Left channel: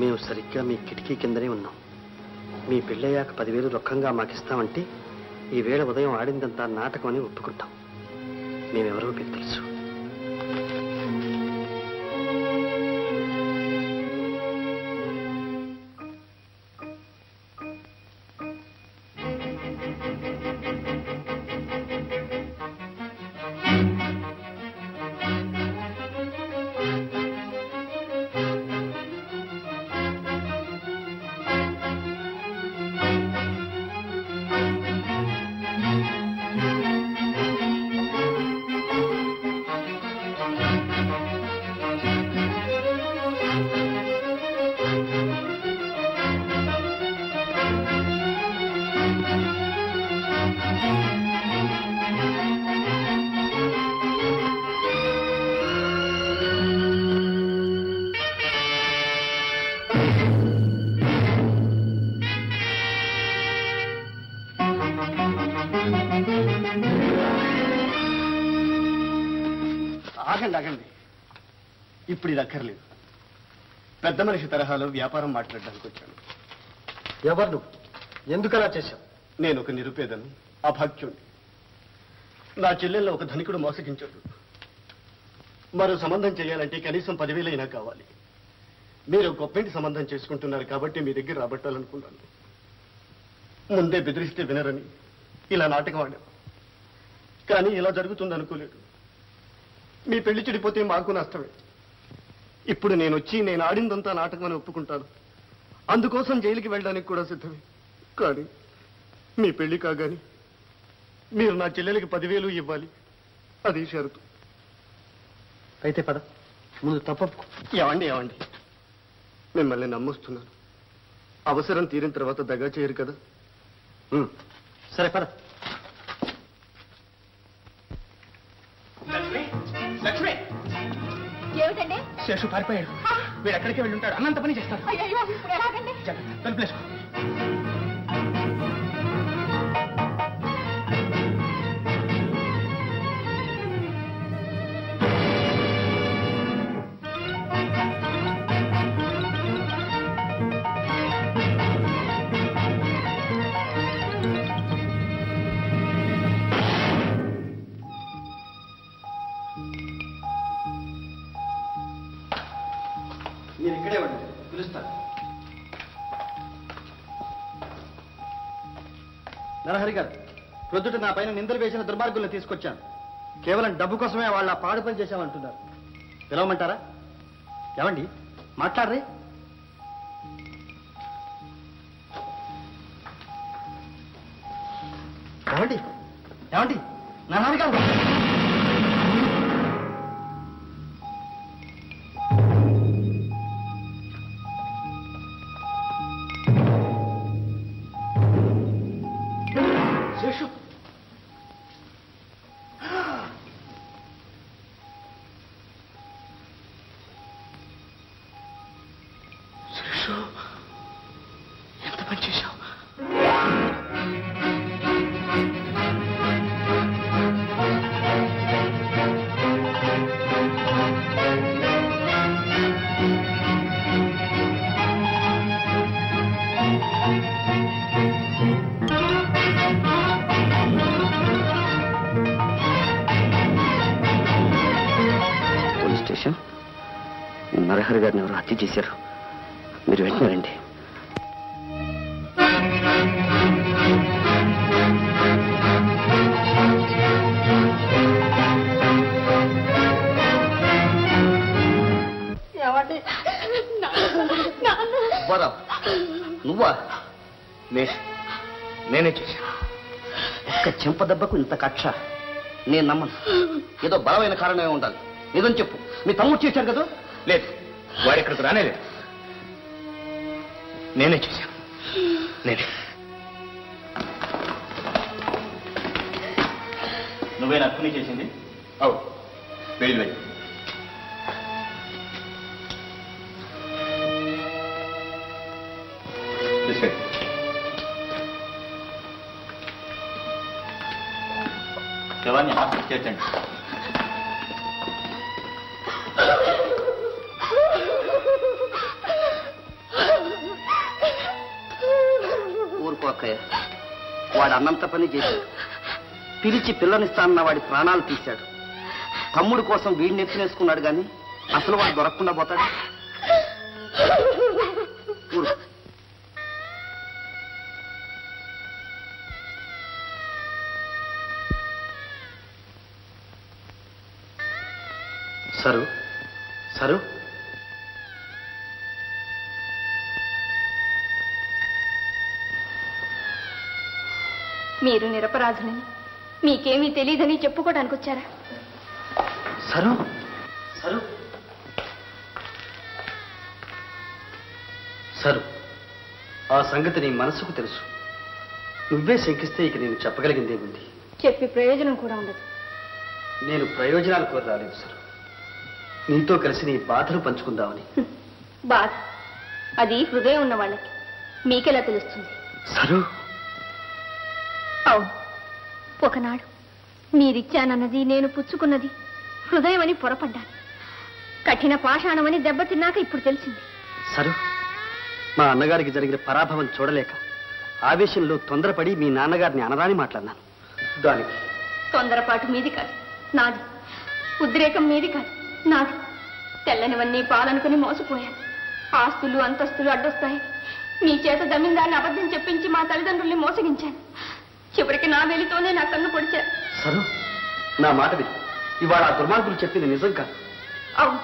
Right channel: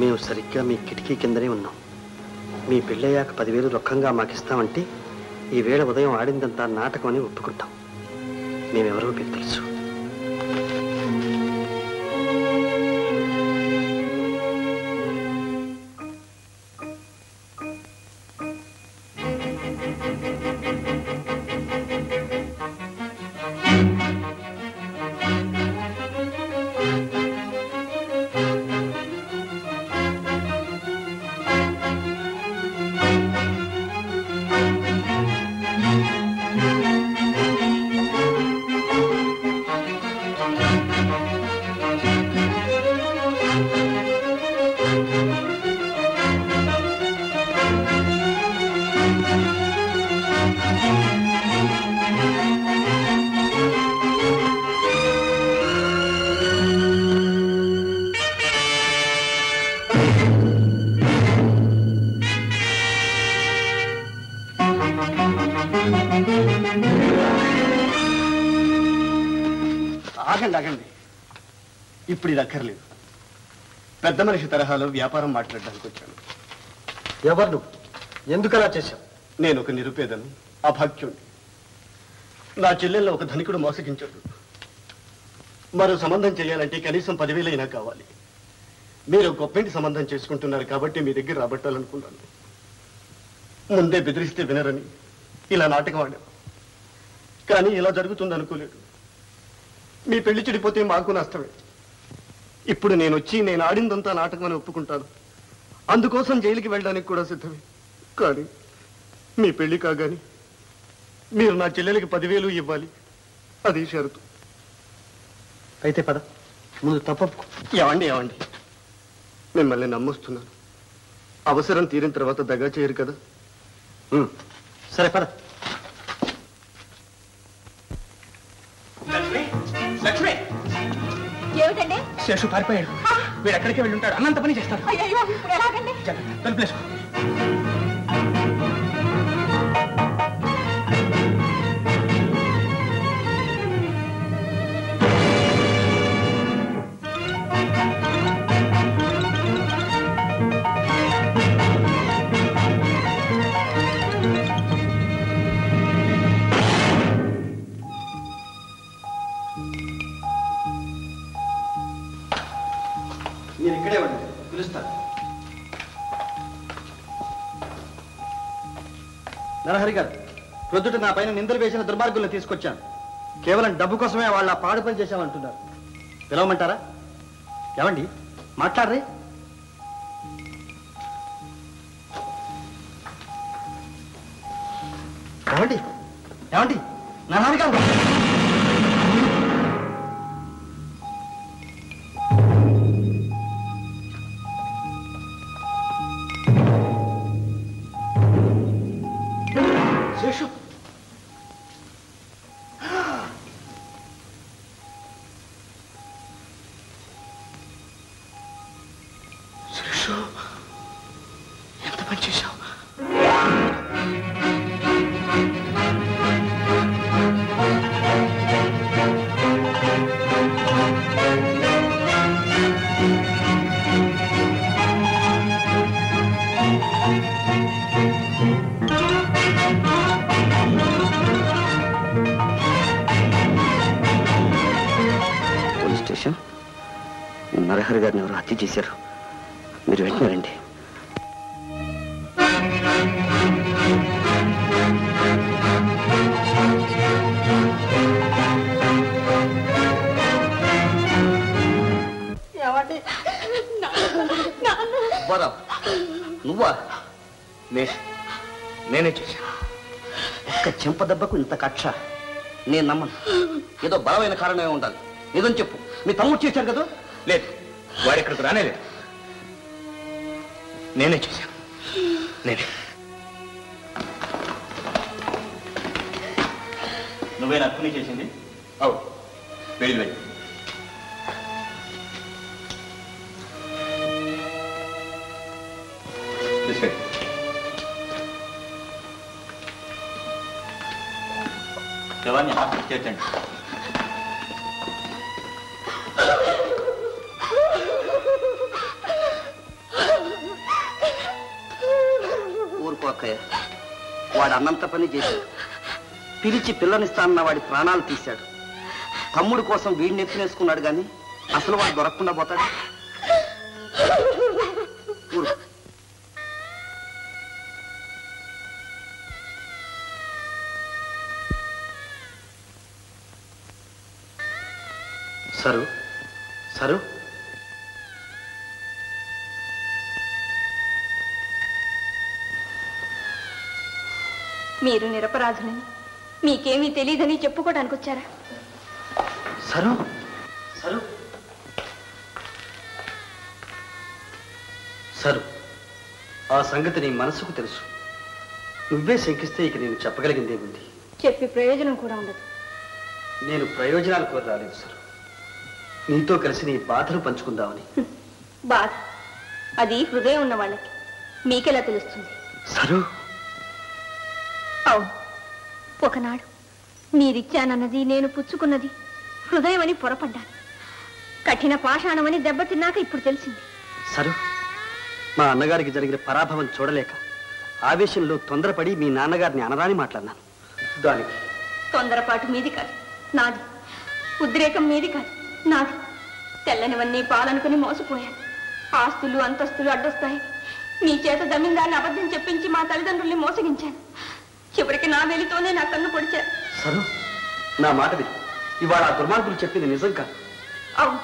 మేము సరిగ్గా మీ కిటికీ కిందనే ఉన్నాం. మీ పెళ్ళయ్యాక 10,000 రొక్కంగా మాకిస్తామంటే ఈ వేళ ఉదయం ఆడిందంతా నాటకం అని ఒప్పుకుంటాం. మేమెవరో మీకు తెలుసు. ఆగండి. ఇప్పుడు ఇది అక్కర్లేదు. పెద్ద మనిషి తరహాలో వ్యాపారం మాట్లాడడానికి వచ్చాను. ఎవరు నువ్వు? ఎందుకు అలా చేశావు? నేను ఒక నిరుపేదను, అభాగ్యుణ్ణి. నా చెల్లెల్లో ఒక ధనికుడు మోసగించాడు. మరో సంబంధం చేయాలంటే కనీసం 10,000 అయినా కావాలి. మీరు గొప్పింటి సంబంధం చేసుకుంటున్నారు కాబట్టి మీ దగ్గర రాబట్టాలనుకున్నాను. ముందే బెదిరిస్తే వినరని ఇలా నాటకం ఆడాను. కానీ ఇలా జరుగుతుంది అనుకోలేదు. మీ పెళ్లి చెడిపోతే మాకు నష్టమే. ఇప్పుడు నేను వచ్చి నేను ఆడిందంతా నాటకం అని ఒప్పుకుంటాను. అందుకోసం జైలుకి వెళ్ళడానికి కూడా సిద్ధమే. కానీ మీ పెళ్లి కాగాని మీరు నా చెల్లెలకి 10,000 ఇవ్వాలి. అది షరతు. అయితే పద, ముందు తప్పకు. ఏమండి మిమ్మల్ని నమ్మొస్తున్నాను. అవసరం తీరిన తర్వాత దగా చేయరు కదా. సరే పద. లక్ష్మి, ఏమిటండి? శేషు పారిపోయాడు. వీడు ఎక్కడికి వెళ్ళి ఉంటాడు. అన్నంత పని చేస్తాడు. అయ్యో, ఇప్పుడు ఎలాగండి? తలుపులేసుకో. మీరు ఇక్కడే ఉండండి, పిలుస్తాను. నరహరి గారు, ప్రొద్దుట నా పైన నిందలు వేసిన దుర్మార్గుల్ని తీసుకొచ్చాను. కేవలం డబ్బు కోసమే వాళ్ళ పాడు పని చేశామంటున్నారు. పిలవమంటారా? ఏమండి, మాట్లాడరే? ఏమండి నరహరి గారు, శేషు, శేషు, ఎంత పని చేశావు? Police station. నరహరి గారిని ఎవరు హత్య చేశారు. మీరు వెంటనే రండి. నువ్వా? నేనే చేశాను. ఒక్క చెంప దెబ్బకు ఇంత కక్ష నేను నమ్మను. ఏదో బలమైన కారణమే ఉండాలి. నిజం చెప్పు. మీ తమ్ముడు చేశారు కదా? లేదు, వాడు ఇక్కడికి రానేలేదు. నేనే చేశాను. నేనే. నువ్వే నక్కుని చేసింది? అవును. వెళ్ళి తీసుకెళ్ళి. శవాన్ని హాస్పిటల్ చేర్చండి. ఊరుకో అక్కయ్య, వాడు అన్నంత పని చేశాడు. పిలిచి పిల్లనిస్తానన్న వాడి ప్రాణాలు తీశాడు. తమ్ముడు కోసం వీడిని ఎత్తునేసుకున్నాడు కానీ అసలు వాడు దొరకకుండా పోతాడు. ఊరు సరు సరు మీరు నిరపరాధులని మీకేమీ తెలియదని చెప్పుకోవడానికి వచ్చారా? సరు సరు సరు ఆ సంగతి నీ మనసుకు తెలుసు. నువ్వే శంకిస్తే ఇక నేను చెప్పగలిగిందే ఉంది. చెప్పి ప్రయోజనం కూడా ఉండదు. నేను ప్రయోజనాలు కోరి రాలేదు సరు. నీతో కలిసి నీ బాధను పంచుకుందామని. బాధ అది హృదయం ఉన్న వాళ్ళకి, మీకెలా తెలుస్తుంది? సరు అవును, ఒకనాడు మీరిచ్చానన్నది నేను పుచ్చుకున్నది హృదయం అని పొరపడ్డాను. కఠిన పాషాణమని దెబ్బతిన్నాక ఇప్పుడు తెలిసింది. సరు మా అన్నగారికి జరిగిన పరాభవం చూడలేక ఆవేశంలో తొందరపడి మీ నాన్నగారిని అనరాని మాట్లాడినాను. దానికి తొందరపాటు మీది కాదు నాది, ఉద్రేకం మీది కాదు నాది. తెల్లనివన్నీ పాలనుకుని మోసపోయాను. ఆస్తులు అంతస్తులు అడ్డొస్తాయి మీ చేత జమీందారిని అబద్ధం చెప్పించి మా తల్లిదండ్రుల్ని మోసగించాను. చివరికి నా వేలితోనే నా కన్ను పొడిచారు. సరు నా మాట విను. ఇవాళ ఆ దుర్మార్గులు చెప్పింది నిజం కాదు. అవును,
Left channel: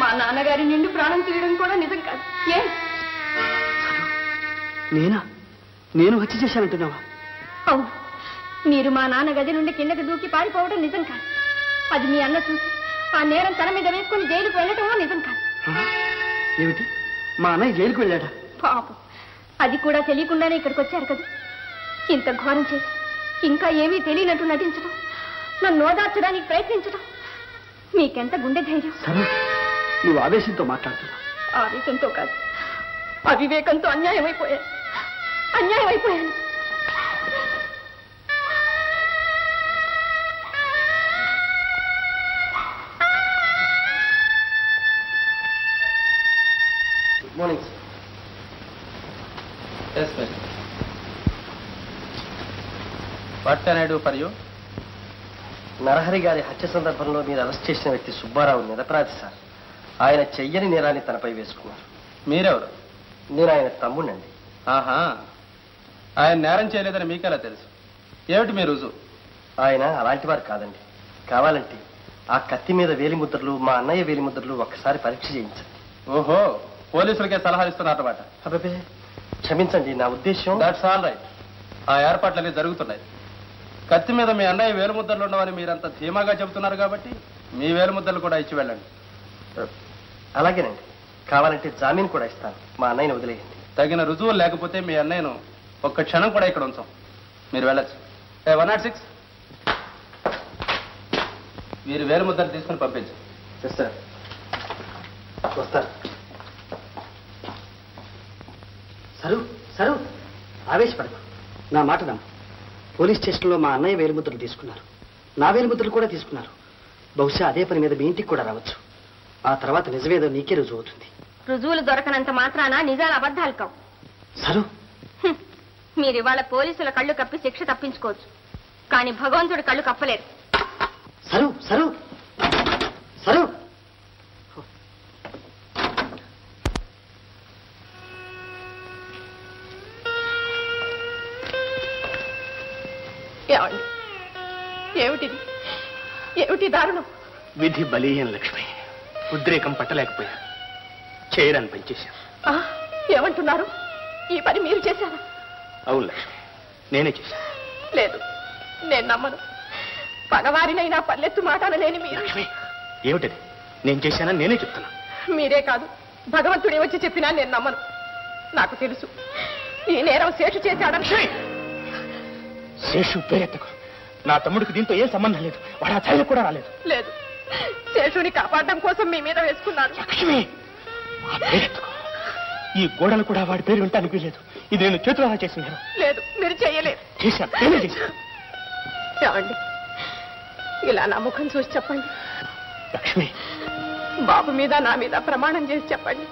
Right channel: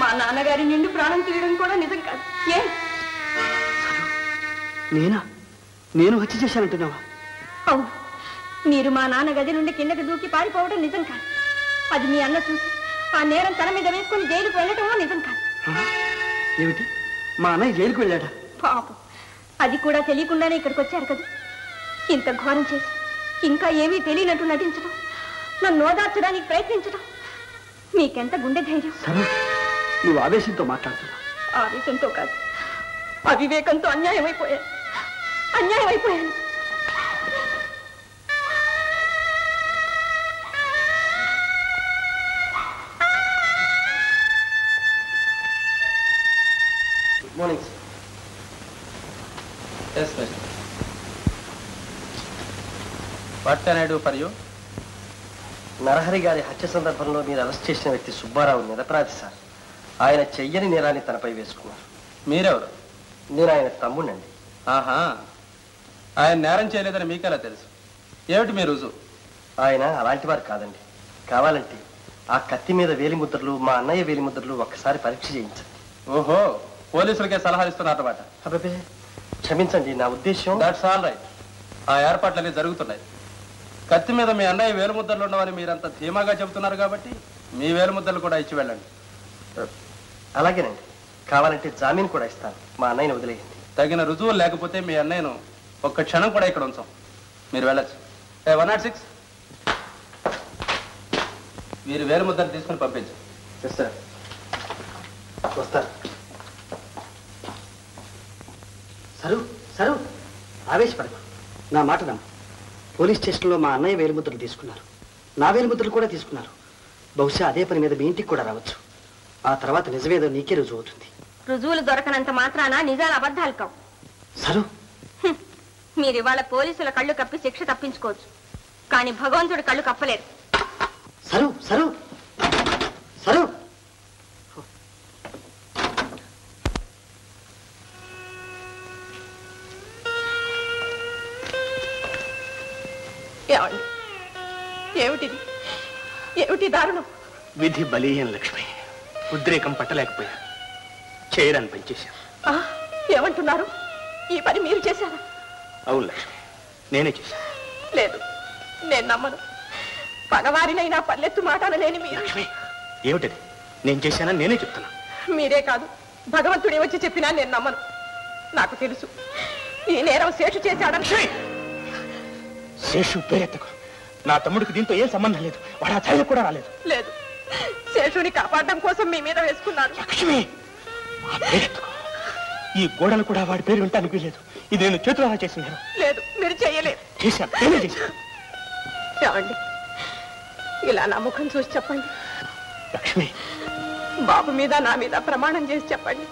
మా నాన్నగారి నిండు ప్రాణం తీయడం కూడా నిజం కాదు. ఏ నేనా? నేను హత్య చేశానంటున్నావా? అవును, మీరు మా నాన్న గది నుండి కిందకి దూకి పారిపోవడం నిజం కాదు. అది మీ అన్న చూసి ఆ నేరం తన మీద వేసుకుని జైలుకు వెళ్ళటమో నిజం కాదు. ఏమిటి? మా అన్నయ్య జైలుకు వెళ్ళాడా? పాపం, అది కూడా తెలియకుండానే ఇక్కడికి వచ్చారు కదా. ఇంత ఘోరం చేసి ఇంకా ఏమీ తెలియనట్టు నటించడం, నన్ను ఓదార్చడానికి ప్రయత్నించడం మీకెంత గుండె ధైర్యం? సరే, నువ్వు ఆవేశంతో మాట్లాడుతున్నావు. ఆవేశంతో కాదు, అవివేకంతో అన్యాయమైపోయాను. Good morning sir. Yes, mister. What can I do for you? Narahari గారి హత్య సందర్భంలో మీరు అరెస్ట్ చేసిన వ్యక్తి సుబ్బారావు నిరపరాధి సార్. ఆయన చెయ్యని నేరాన్ని తనపై వేసుకున్నారు. మీరెవరు? నేను ఆయన తమ్ముడండి. ఆహా, ఆయన నేరం చేయలేదని మీకెలా తెలుసు? ఏమిటి మీ రుజువు? ఆయన అలాంటి వారు కాదండి. కావాలంటే ఆ కత్తి మీద వేలిముద్రలు, మా అన్నయ్య వేలిముద్రలు ఒక్కసారి పరీక్ష చేయించండి. ఓహో, పోలీసులకే సలహా ఇస్తున్నారన్నమాట. అబ్బే, క్షమించండి, నా ఉద్దేశం. That's all right. ఆ ఏర్పాట్లన్నీ జరుగుతున్నాయి. కత్తి మీద మీ అన్నయ్య వేలుముద్రలు ఉండవని మీరంత ధీమాగా చెబుతున్నారు కాబట్టి మీ వేలుముద్రలు కూడా ఇచ్చి వెళ్ళండి. అలాగేనండి, కావాలంటే జామీన్ కూడా ఇస్తాను. మా అన్నయ్యని వదిలేయండి. తగిన రుజువులు లేకపోతే మీ అన్నయ్యను ఒక్క క్షణం కూడా ఇక్కడ ఉంచాం. మీరు వెళ్ళచ్చు. 106 మీరు వేలుముద్రలు తీసుకుని పంపించు. సార్ వస్తారు. సరు సరు ఆవేశపడకు, నా మాట నమ్ము. పోలీస్ స్టేషన్లో మా అన్నయ్య వేలిముద్రలు తీసుకున్నారు, నా వేలిముద్రలు కూడా తీసుకున్నారు. బహుశా అదే పని మీద మీ ఇంటికి కూడా రావచ్చు. ఆ తర్వాత నిజమేదో నీకే రుజువు అవుతుంది. రుజువులు దొరకనంత మాత్రాన నిజాలు అబద్ధాలు కావు. సరు, మీరు ఇవాళ పోలీసుల కళ్ళు కప్పి శిక్ష తప్పించుకోవచ్చు, కానీ భగవంతుడు కళ్ళు కప్పలేరు. సరు సరు సరు ఏమిటిది? ఏమిటి దారుణం? విధి బలీయం లక్ష్మి. ఉద్రేకం పట్టలేకపోయా, చేయరాని పనిచేశాను. ఏమంటున్నారు? ఈ పని మీరు చేశారా? అవును లక్ష్మి, నేనే చేశాను. లేదు, నేను నమ్మను. పగవారినైనా పల్లెత్తు మాటనలేని మీరు. లక్ష్మి, ఏమిటది? నేను చేశానని నేనే చెప్తున్నా. మీరే కాదు, భగవంతుడే వచ్చి చెప్పినా నేను నమ్మను. నాకు తెలుసు ఈ నేరం శేషు చేశాడని. శేషు పేరెత్తకు. నా తమ్ముడికి దీంతో ఏం సంబంధం లేదు. వాడు ఆ ఛాయలు కూడా రాలేదు. లేదు, శేషుని కాపాడడం కోసం మీ మీద వేసుకున్నాను. లక్ష్మి, ఆ పేరెత్తకు. ఈ గోడలు కూడా వాడి పేరు వింటానికి లేదు. ఇది నేను చేతులారా చేసినాను. లేదు, మీరు చెయ్యలేదు. చేశాను, నేనే చేశాను. ఏమండి, ఇలా నా ముఖం చూసి చెప్పండి. లక్ష్మి, బాబు మీద నా మీద ప్రమాణం చేసి చెప్పండి.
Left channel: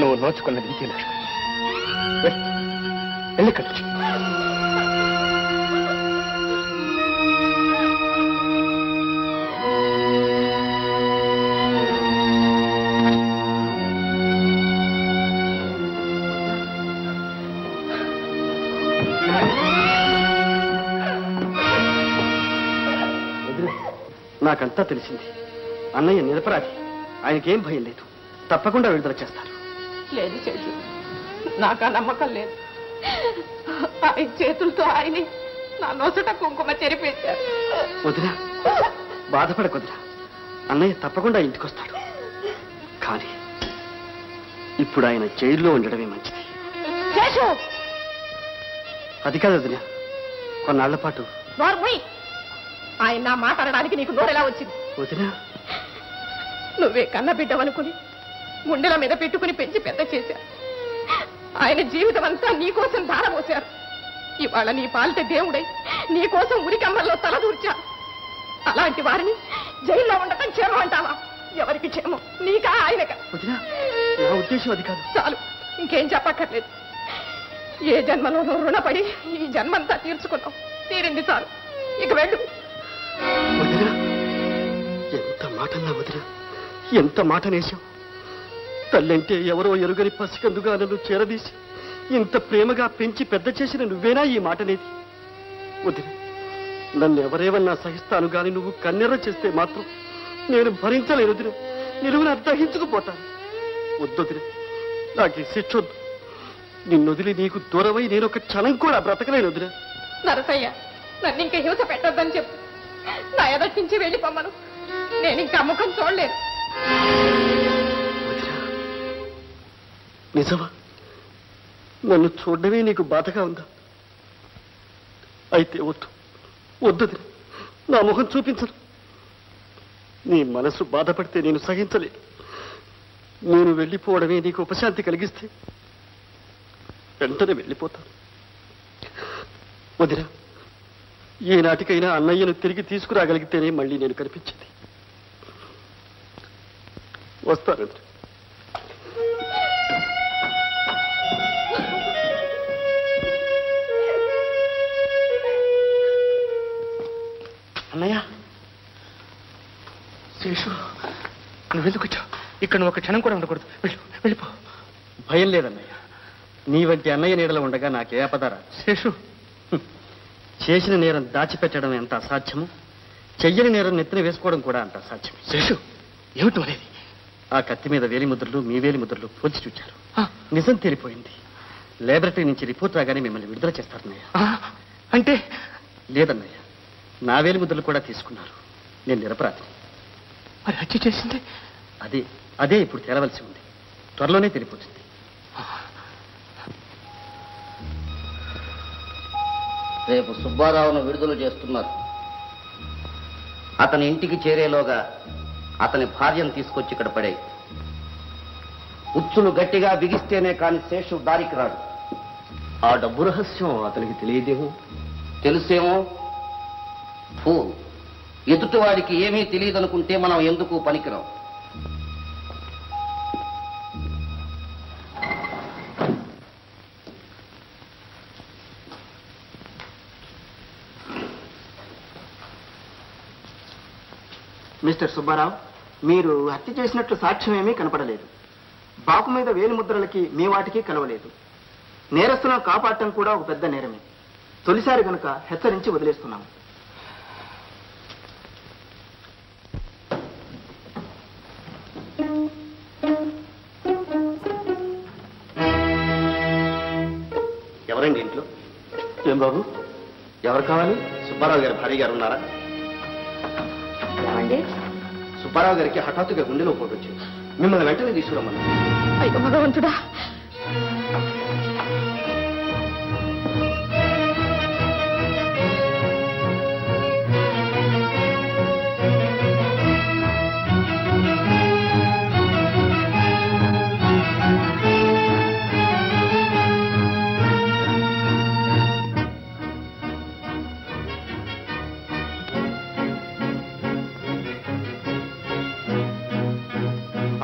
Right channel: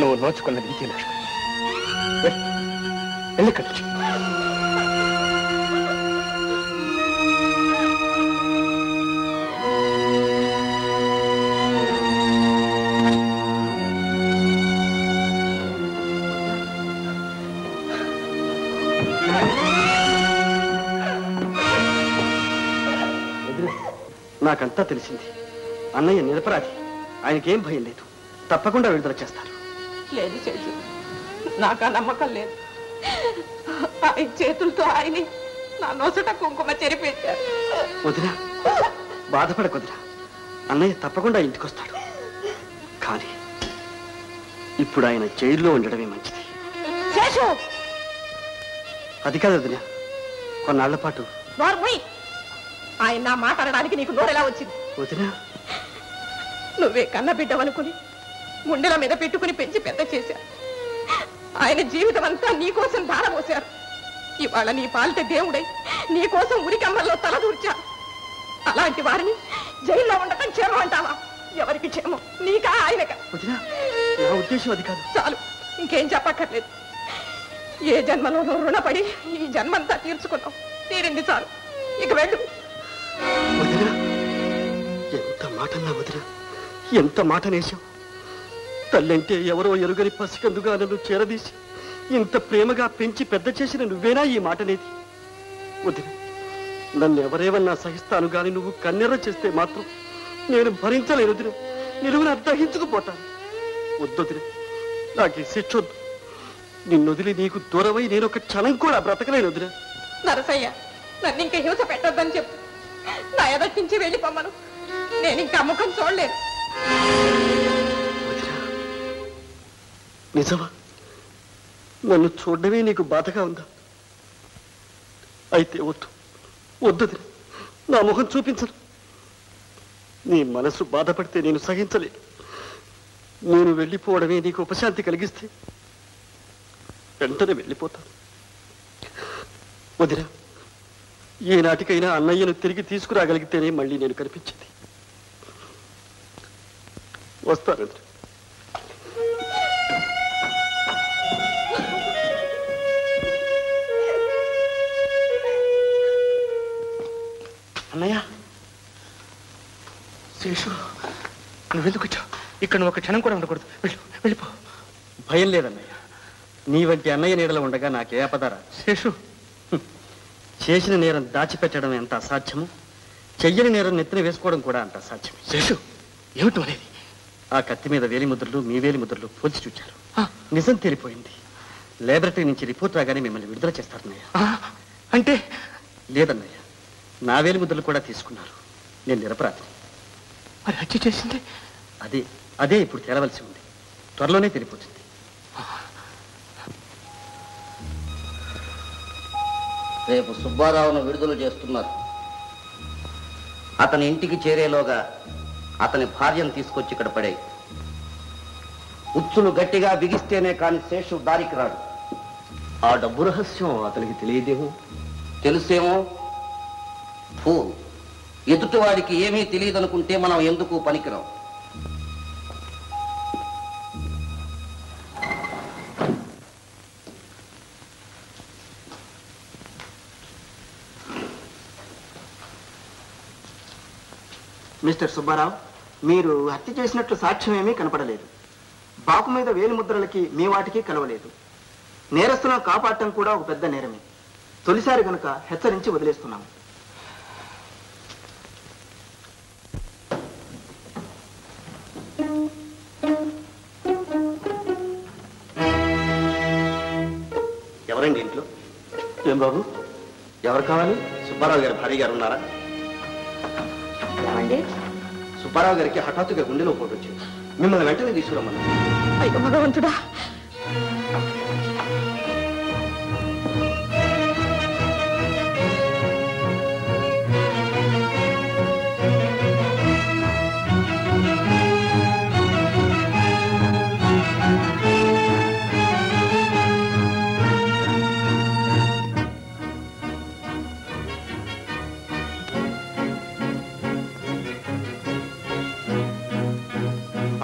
నువ్వు నోచుకున్నది ఇంకే లక్ష్మి. వెళ్ళి కలిసి నాకంతా తెలిసింది. అన్నయ్య నిరపరాధి, ఆయనకేం భయం లేదు. తప్పకుండా విడుదల చేస్తారు. లేదు శేషు, నాకు ఆ నమ్మకం లేదు. ఆయన చేతులతో ఆయనే నా నొసట కుంకుమ చెరిపెట్టారు. వదినా, బాధపడకొదినా. అన్నయ్య తప్పకుండా ఇంటికొస్తాడు. కానీ ఇప్పుడు ఆయన జైల్లో ఉండడమే మంచిది. శేషు, అది కాదు వదినా, కొన్నాళ్ల పాటు. ఆయన నా మాట్లాడడానికి నీకు నోరెలా వచ్చింది? వదినా, నువ్వే కన్న బిడ్డవనుకుని గుండెల మీద పెట్టుకుని పెంచి పెద్ద చేశారు. ఆయన జీవితం అంతా నీకోసం ధారపోశారు. ఇవాళ నీ పాలిట దేవుడై నీకోసం ఉరికమ్మల్లో తలదూర్చారు. అలాంటి వారిని జైల్లో ఉండటం క్షేమం అంటావా? ఎవరికి క్షేమం, నీకా ఆయనకా? వదినా, నా ఉద్దేశం అది కాదు. చాలు, ఇంకేం చెప్పక్కర్లేదు. ఏ జన్మలోనూ రుణపడి ఈ జన్మంతా తీర్చుకున్నావు. తీరింది చాలు, ఇక వెళ్ళు. వదినా, ఎంత మాట నా వదినా, ఎంత మాట నేశావు. తల్లంటే ఎవరో ఎరుగని పసికందుగా నన్ను చేరదీసి ఇంత ప్రేమగా పెంచి పెద్ద చేసిన నువ్వేనా ఈ మాటనేది? వదిన, నన్ను ఎవరేమన్నా సహిస్తాను గాని నువ్వు కన్నెర్ర చేస్తే మాత్రం నేను భరించలేను వదిన. నిలువున దహించుకుపోతాను. వద్దొదిన, నాకు ఈ శిక్ష వద్దు. నిన్నొదిలి నీకు దూరమై నేను ఒక క్షణం కూడా బ్రతకలేను వదిన. నరసయ్య, నన్ను ఇంకా హింస పెట్టొద్దని చెప్పు. నా ఎదటించి వెళ్ళిపోమ్మను. నేను ఇంకా ముఖం చూడలేను. నిజమా? నన్ను చూడడమే నీకు బాధగా ఉందా? అయితే వద్దు, వద్దు, నా ముఖం చూపించను. నీ మనసు బాధపడితే నేను సహించలేను. నేను వెళ్ళిపోవడమే నీకు ఉపశాంతి కలిగిస్తే వెంటనే వెళ్ళిపోతాను. వదినా, ఏనాటికైనా అన్నయ్యను తిరిగి తీసుకురాగలిగితేనే మళ్ళీ నేను కనిపించింది. వస్తానండి. అన్నయ్య, శేషు, నువ్వెందుకు వచ్చావు? ఇక్కడ నువ్వు ఒక క్షణం కూడా ఉండకూడదు. వెళ్ళిపో. భయం లేదన్నయ్య. నీ వంటి అన్నయ్య నీడలో ఉండగా నాకే ఆపదరా. శేషు, చేసిన నేరం దాచిపెట్టడం ఎంత అసాధ్యము, చెయ్యని నేరం నెత్తిన వేసుకోవడం కూడా అంత అసాధ్యం. శేషు, ఏమిటి అనేది? ఆ కత్తి మీద వేలి ముద్రలు, మీ వేలి ముద్రలు పోల్చి చూచారు. నిజం తేలిపోయింది. లేబొరేటరీ నుంచి రిపోర్ట్ రాగానే మిమ్మల్ని విడుదల చేస్తారన్నయ్య. అంటే? లేదన్నయ్య, నా వేలి ముద్రలు కూడా తీసుకున్నారు. నేను నిరపరాధిని. మరి హత్య చేసింది? అదే ఇప్పుడు తేలవలసి ఉంది. త్వరలోనే తెలిపోతుంది. రేపు సుబ్బారావును విడుదల చేస్తున్నారు. అతని ఇంటికి చేరేలోగా అతని భార్యను తీసుకొచ్చి ఇక్కడ పడే. ఉచ్చులు గట్టిగా బిగిస్తేనే కాని శేషు దారికి రాడు. ఆ డబ్బు రహస్యం అతనికి తెలియదేమో. తెలుసేమో. ఫూల్, ఎదుటివాడికి ఏమీ తెలియదనుకుంటే మనం ఎందుకు పనికిరాం. మిస్టర్ సుబ్బారావు, మీరు హత్య చేసినట్లు సాక్ష్యం ఏమీ కనపడలేదు. బాకు మీద వేలి ముద్రలకి మీ వాటికి కలవలేదు. నేరస్తులను కాపాడటం కూడా ఒక పెద్ద నేరమే. తొలిసారి కనుక హెచ్చరించి వదిలేస్తున్నాము. ఎవరండి ఇంట్లో? ఏం బాబు, ఎవరు కావాలి? సుబ్బారావు గారి భార్య గారు ఉన్నారా? సుబ్బారావు గారికి హఠాత్తుగా గుండెలో పోటు వచ్చింది. మిమ్మల్ని వెంటనే తీసుకురమ్మన్నా. అయ్యో భగవంతుడా!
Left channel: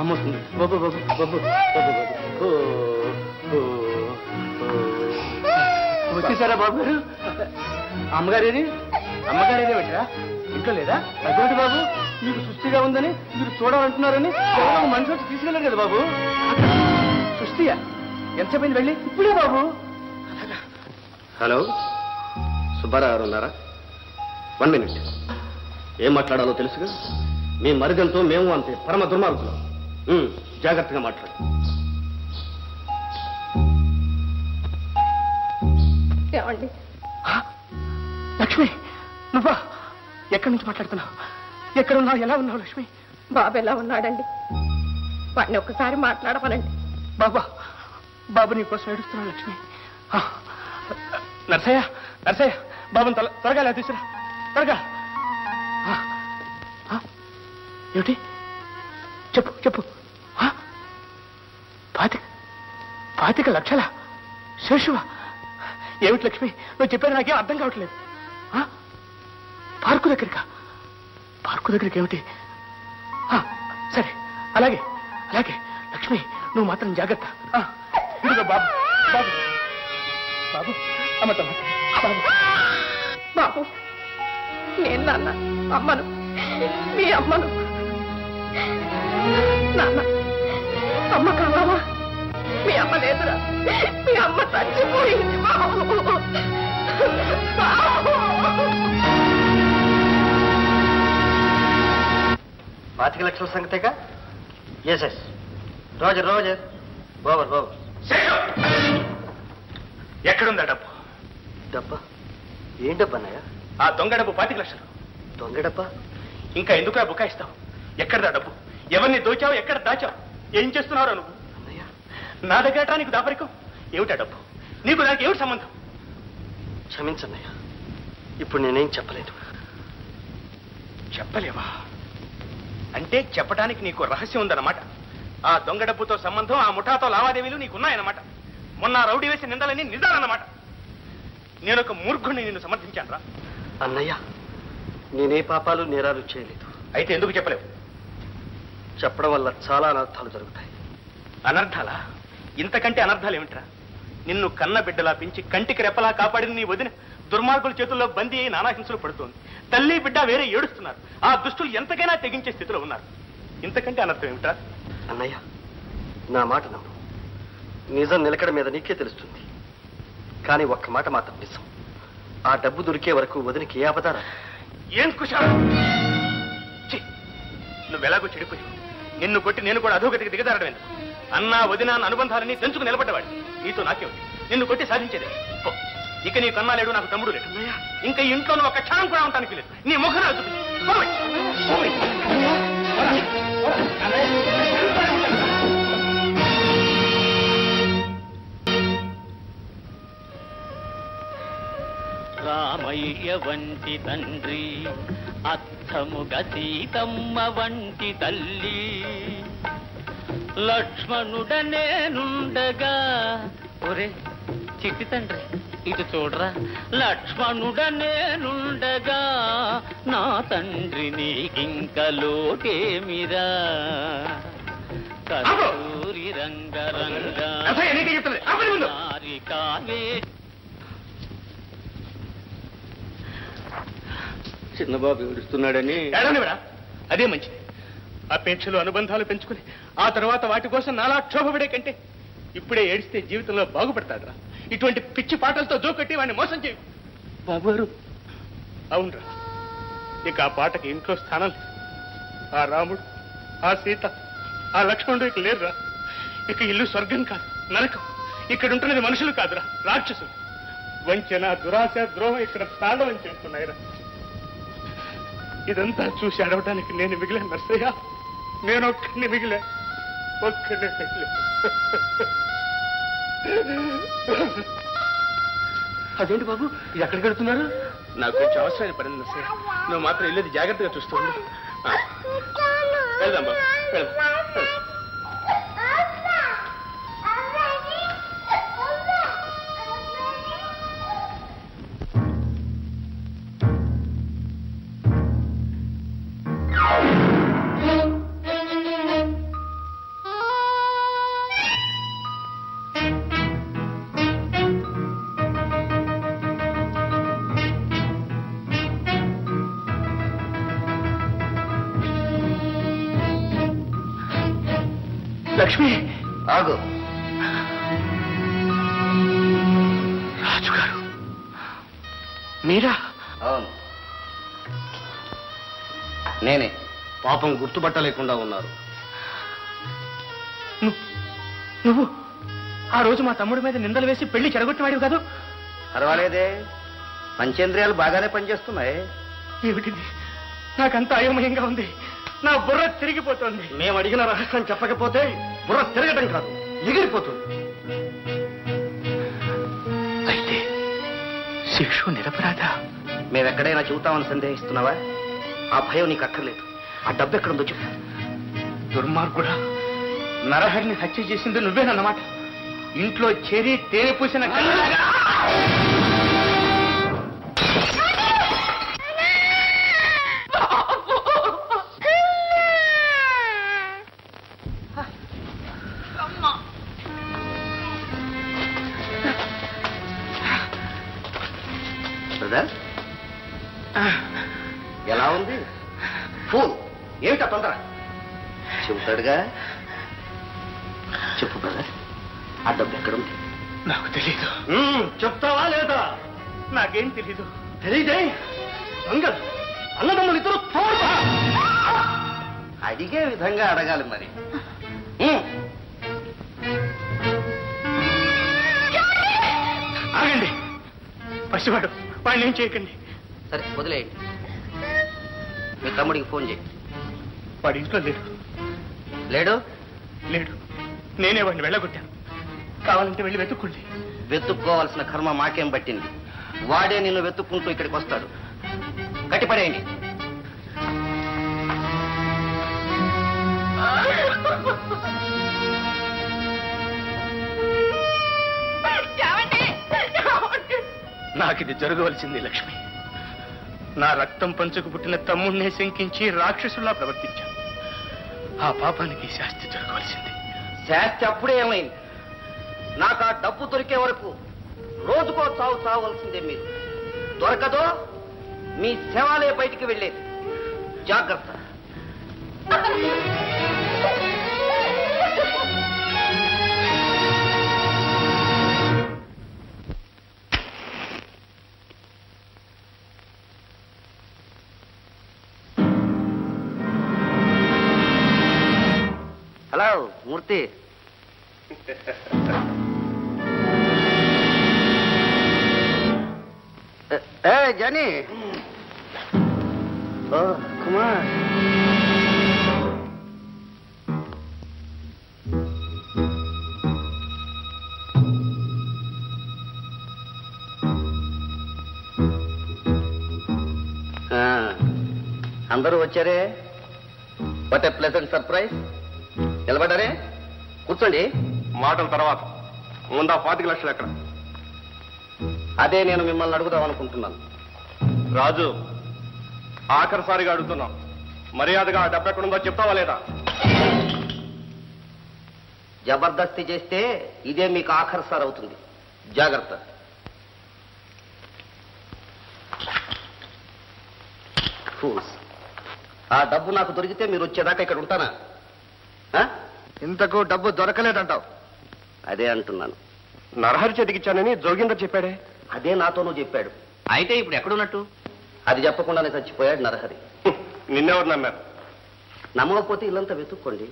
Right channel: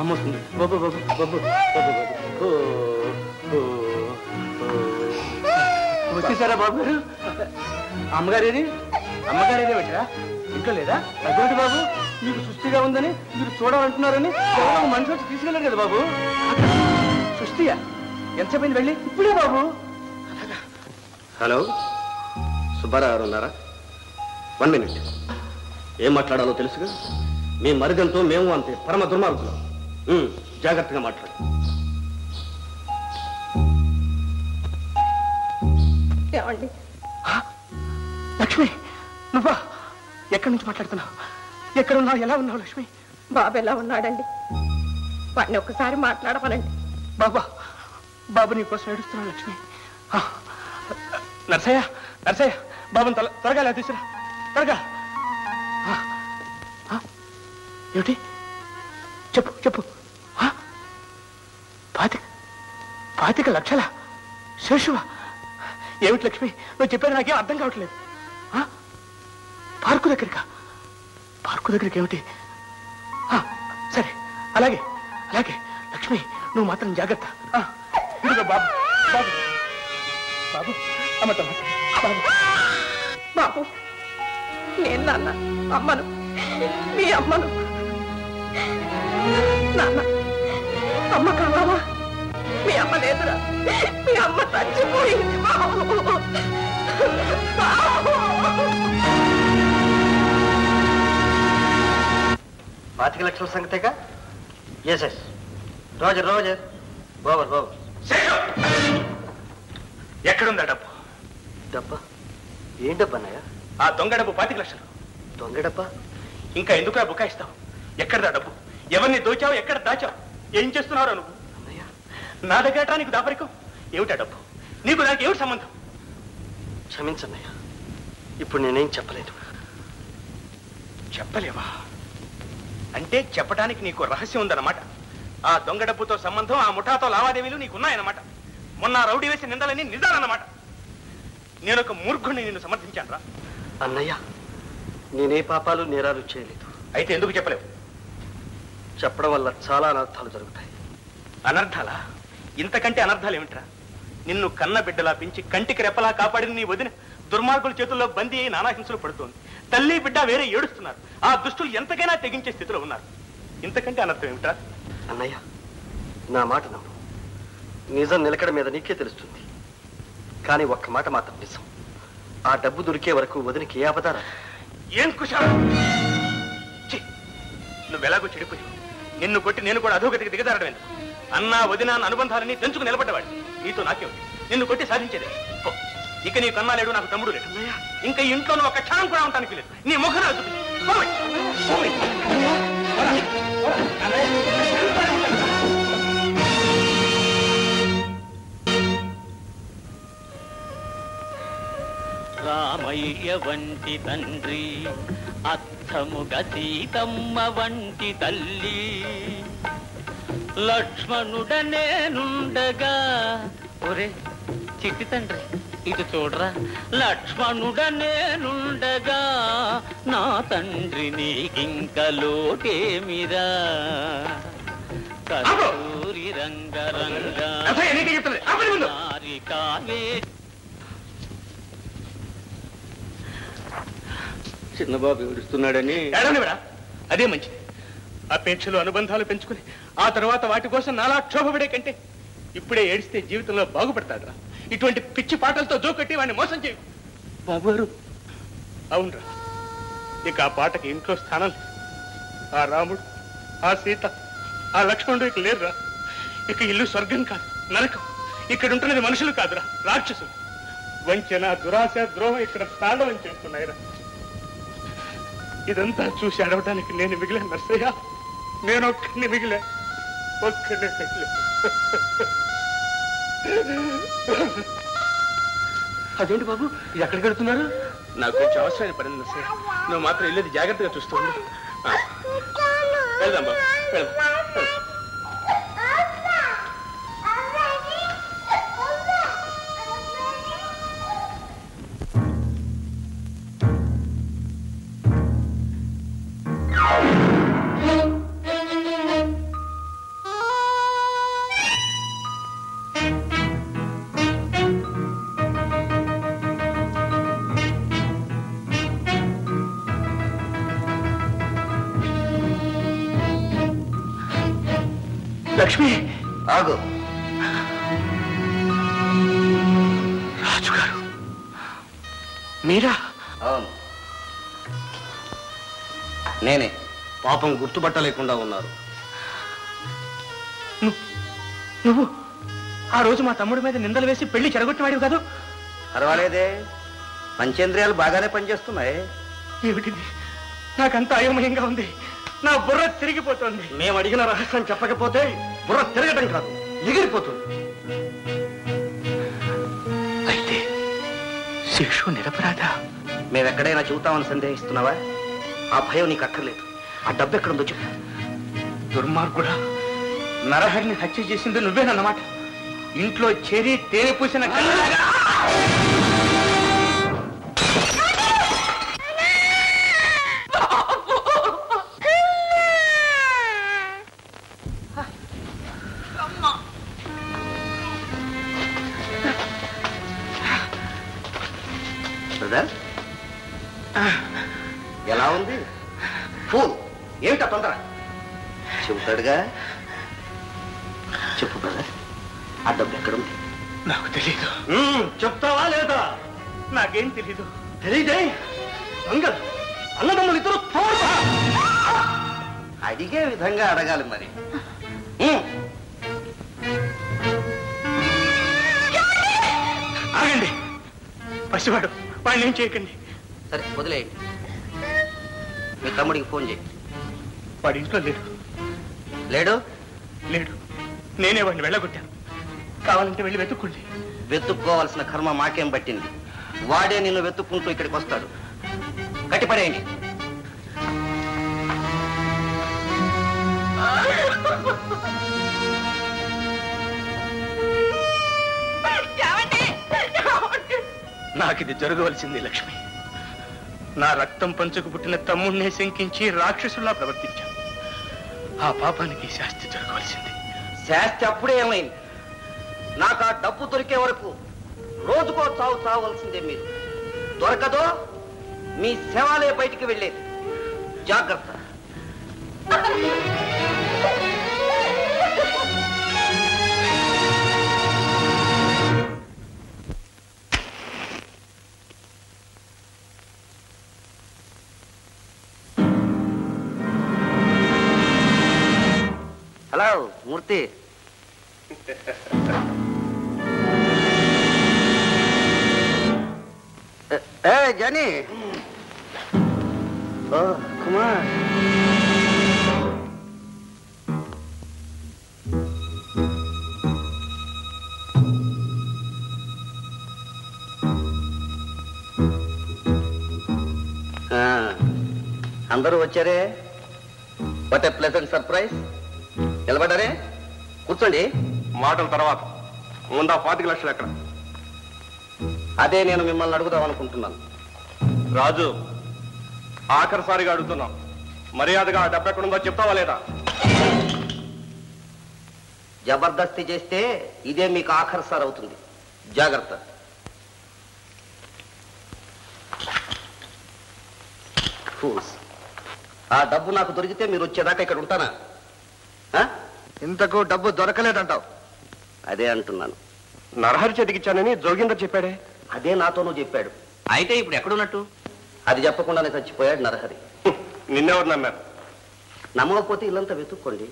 అమ్మ వస్తుంది. బాబు బాబు బాబు బాబు బాబు వచ్చేసారా బాబు గారు? అమ్మగారేది? అమ్మగారేదే పెట్టరా? ఇంట్లో లేదా? అదేంటి బాబు, మీకు సుస్థిగా ఉందని మీరు చూడాలంటున్నారని మనిషి వచ్చి తీసుకెళ్ళారు కదా బాబు. సుస్థియా? ఎంతసేపు వెళ్ళి? ఇప్పుడే బాబు. హలో, సుబ్బారావు గారు ఉన్నారా? 1 minute. ఏం మాట్లాడాలో తెలుసుగా? మీ మరిదంతో మేము అంతే పరమ దుర్మార్గులం. జాగ్రత్తగా మాట్లాడు. ఏమండి? లక్ష్మి, నువ్వా? ఎక్కడి నుంచి మాట్లాడుతున్నావు? ఎక్కడున్నావు? ఎలా ఉన్నావు లక్ష్మి? బాబు ఎలా ఉన్నాడండి? వాడిని ఒక్కసారి మాట్లాడమనండి. బాబా, బాబు నీ కోసం ఏడుస్తున్నావు లక్ష్మి. నర్సయ్య, నర్సయ్య, బాబుని త్వరగా ఇలా తీసుకురా, త్వరగా. ఏమిటి? చెప్పు చెప్పు. 25 లక్షల శేషువా? ఏమిటి లక్ష్మి, నువ్వు చెప్పేది నాకేం అర్థం కావట్లేదు. పార్కు దగ్గరికా? పార్కు దగ్గరికి ఏమిటి? సరే, అలాగే అలాగే. లక్ష్మి, నువ్వు మాత్రం జాగ్రత్త. ఇదిగో బాబు, బాబు, బాబు, అమ్మతో బాబు. బాబు, నేను నాన్న అమ్మను, మీ అమ్మను. నాన్న, అమ్మ కావాలా? మీ అమ్మ లేదురా, మీ అమ్మ చచ్చిపోయింది బాబు. 25 లక్షల సంగతేగా? Yes yes. Roger roger. బాబర్ బాబర్. ఎక్కడుందా డబ్బు? డబ్బా? ఏం డబ్బా అన్నయ్య? ఆ దొంగ డబ్బు 25 లక్షలు. దొంగ డబ్బా? ఇంకా ఎందుకు బుకాయిస్తావు? ఎక్కడదా డబ్బు? ఎవరిని దోచావు? ఎక్కడ దాచావు? ఏం చేస్తున్నావు నువ్వు? అన్నయ్య, నా దగ్గర నీకు దాపరికం ఏమిటా డబ్బు? నీకు దానికి ఏమిటి సంబంధం? క్షమించన్నయ్య, ఇప్పుడు నేనేం చెప్పలేదు. చెప్పలేవా? అంటే చెప్పడానికి నీకు రహస్యం ఉందన్నమాట. ఆ దొంగ డబ్బుతో సంబంధం, ఆ ముఠాతో లావాదేవీలు నీకున్నాయన్నమాట. మొన్న రౌడీ వేసి నిందాలని నిజాలన్నమాట. నేను ఒక మూర్ఖుడిని నిన్ను సమర్థించాను రా. అన్నయ్య, నేనే పాపాలు నేరాలు చేయలేదు. అయితే ఎందుకు చెప్పలేవు? చెప్పడం వల్ల చాలా అనర్థాలు జరుగుతాయి. అనర్థాలా? ఇంతకంటే అనర్థాలు ఏమిట్రా? నిన్ను కన్న బిడ్డలా పెంచి కంటికి రెప్పలా కాపాడిన నీ వదిన దుర్మార్గుల చేతుల్లో బందీ అయి నానా హింసలు పడుతోంది. తల్లి బిడ్డ వేరే ఏడుస్తున్నారు. ఆ దుష్టులు ఎంతకైనా తెగించే స్థితిలో ఉన్నారు. ఇంతకంటే అనర్థం ఏమిట్రా? అన్నయ్య, నా మాట నమ్ము. నిజం నిలకడ మీద నీకే తెలుస్తుంది. కానీ ఒక్క మాట మాత్రం నిజం. ఆ డబ్బు దొరికే వరకు వదినికి ఏ ఆపదారా? ఏం కుషాలు! నువ్వెలాగో చెడిపోయావు. నిన్ను కొట్టి నేను కూడా అధోగతికి దిగజారడం ఎందుకు? అన్నా వదిన అనుబంధాలని తెంచుకు నిలబడ్డవాడు. నీతో నాకేమిటి? నిన్ను కొట్టి సాధించేదే. ఇక నీ కన్నా లేడు, నాకు తమ్ముడు లేడు. ఇంకా ఇంట్లో నువ్వు ఒక క్షణం కూడా ఉండటానికి లేదు. నీ ముఖం రామయ్య వంటి తండ్రి, అర్థముగా సీతమ్మ వంటి తల్లి, లక్ష్మణుడనేనుండగా. ఒరే చిట్టి తండ్రి, ఇటు చూడరా. లక్ష్మణుడనేనుండగా నా తండ్రి నీకింక లోటేమిరా. కస్తూరి రంగరంగా కావే. చిన్నబాబు ఏడుస్తున్నాడని అదే మంచిది. అపేక్షలు అనుబంధాలు పెంచుకుని ఆ తర్వాత వాటి కోసం నాలా క్షోభపడే కంటే ఇప్పుడే ఏడిస్తే జీవితంలో బాగుపడతాడురా. ఇటువంటి పిచ్చి పాటలతో జోకట్టి వాడిని మోసం చేయు. బాబు గారు, అవునరా, ఇక ఆ పాటకి ఇంట్లో స్థానం లేదు. ఆ రాముడు, ఆ సీత, ఆ లక్ష్మణుడు ఇక లేరురా. ఇక ఇల్లు స్వర్గం కాదు, నరకం. ఇక్కడ ఉంటున్నది మనుషులు కాదురా, రాక్షసులు. వంచన, దురాశ, ద్రోహం ఇక్కడ తాండవం చేస్తున్నాయిరా. ఇదంతా చూసి అడవటానికి నేను మిగిలాను నర్సయ్య. నేను ఒక్కడిని మిగిలా, ఒక్కడిని మిగిలా. అదేంటి బాబు, ఇది ఎక్కడికి వెళ్తున్నారు? నాకు కొంచెం అవసరమైన పని నర్సయ్య. నువ్వు మాత్రం వెళ్ళేది జాగ్రత్తగా చూస్తుంది. వెళ్దాం బాబు, వెళ్దాం. లక్ష్మి ఆగు. రాజుగారు మీరా? అవును, నేనే. పాపం గుర్తుపట్టలేకుండా ఉన్నారు. నువ్వు ఆ రోజు మా తమ్ముడి మీద నిందలు వేసి పెళ్లి చెడగొట్టివాడివి కాదు? పర్వాలేదే, పంచేంద్రియాలు బాగానే పనిచేస్తున్నాయి. ఏమిటిది? నాకంత అయోమయంగా ఉంది. నా బుర్ర తిరిగిపోతుంది. మేము అడిగిన రహస్యం చెప్పకపోతే బుర్ర తిరగడం కాదు, ఎగిరిపోతుంది. అయితే శేషు నిరపరాధ? మేమెక్కడైనా చెబుతామని సందేహిస్తున్నావా? ఆ భయం నీకు అక్కర్లేదు. ఆ డబ్బు ఎక్కడుందో చెప్పు. దుర్మార్గుడా, నరహరిని హత్య చేసింది నువ్వేనన్నమాట. ఇంట్లో చేరి తేనె పూసిన కళ్ళలాగా. బ్రదర్, ఎలా ఉంది? ఫోన్ ఏమిటా తొందర? చెబుతాడుగా. చెప్పు బ్రదర్, ఆ డబ్బు ఎక్కడుంది? నాకు తెలీదు. చెప్తావా లేదా? నాకేం తెలీదు. తెలీదే? దొంగలు అన్నదమ్ములు ఇద్దరు తోడుతా. అడిగే విధంగా అడగాలి మరి. ఆగండి, పసివాడు, వాడిని ఏం చేయకండి. సరే వదిలేయండి. మీ తమ్ముడికి ఫోన్ చేయి. వాడి ఇంట్లో లేడు. లేడు? లేడు. నేనే వాడిని వెళ్ళగొట్టాను. కావాలంటే వెళ్ళి వెతుక్కోండి. వెతుక్కోవాల్సిన కర్మ మాకేం పట్టింది? వాడే నిన్ను వెతుక్కుంటూ ఇక్కడికి వస్తాడు. కట్టిపడేయండి. నాకిది జరగవలసింది లక్ష్మి. నా రక్తం పంచుకు పుట్టిన తమ్ముణ్ణే శంకించి రాక్షసులా ప్రవర్తించాను. ఆ పాపానికి శాస్తి జరగవలసింది. శాస్తి అప్పుడే ఏమైంది? నాకు ఆ డబ్బు దొరికే వరకు రోజుకో చావు చావవలసిందే. మీరు దొరకదో మీ శవాలే బయటికి వెళ్ళేది. జాగ్రత్త. హలో మూర్తి. జానీ. ఓ కుమార్. అందరూ వచ్చారే. What a pleasant surprise. నిలబడ్డారే? కూర్చోండి. మాటల తర్వాత ముందా 25 లక్షలు ఎక్కడ? అదే నేను మిమ్మల్ని అడుగుదాం అనుకుంటున్నాను. రాజు, ఆఖరిసారిగా అడుగుతున్నాం, మర్యాదగా ఆ డబ్బు ఎక్కడుందో చెప్తావా లేదా? జబర్దస్తి చేస్తే ఇదే మీకు ఆఖరిసారి అవుతుంది. జాగ్రత్త. ఫూల్స్. ఆ డబ్బు నాకు దొరికితే మీరు వచ్చేదాకా ఇక్కడ ఉంటానా? ఇంతకు డబ్బు దొరకలేదంటావు? అదే అంటున్నాను. నరహరి చేతికిచ్చానని జోగిందర్ చెప్పాడే. అదే నాతోనూ చెప్పాడు. అయితే ఇప్పుడు ఎక్కడున్నట్టు? అది చెప్పకుండానే చచ్చిపోయాడు నరహరి. నిన్నెవరు నమ్మారు? నమ్మకపోతే ఇల్లంతా వెతుక్కోండి.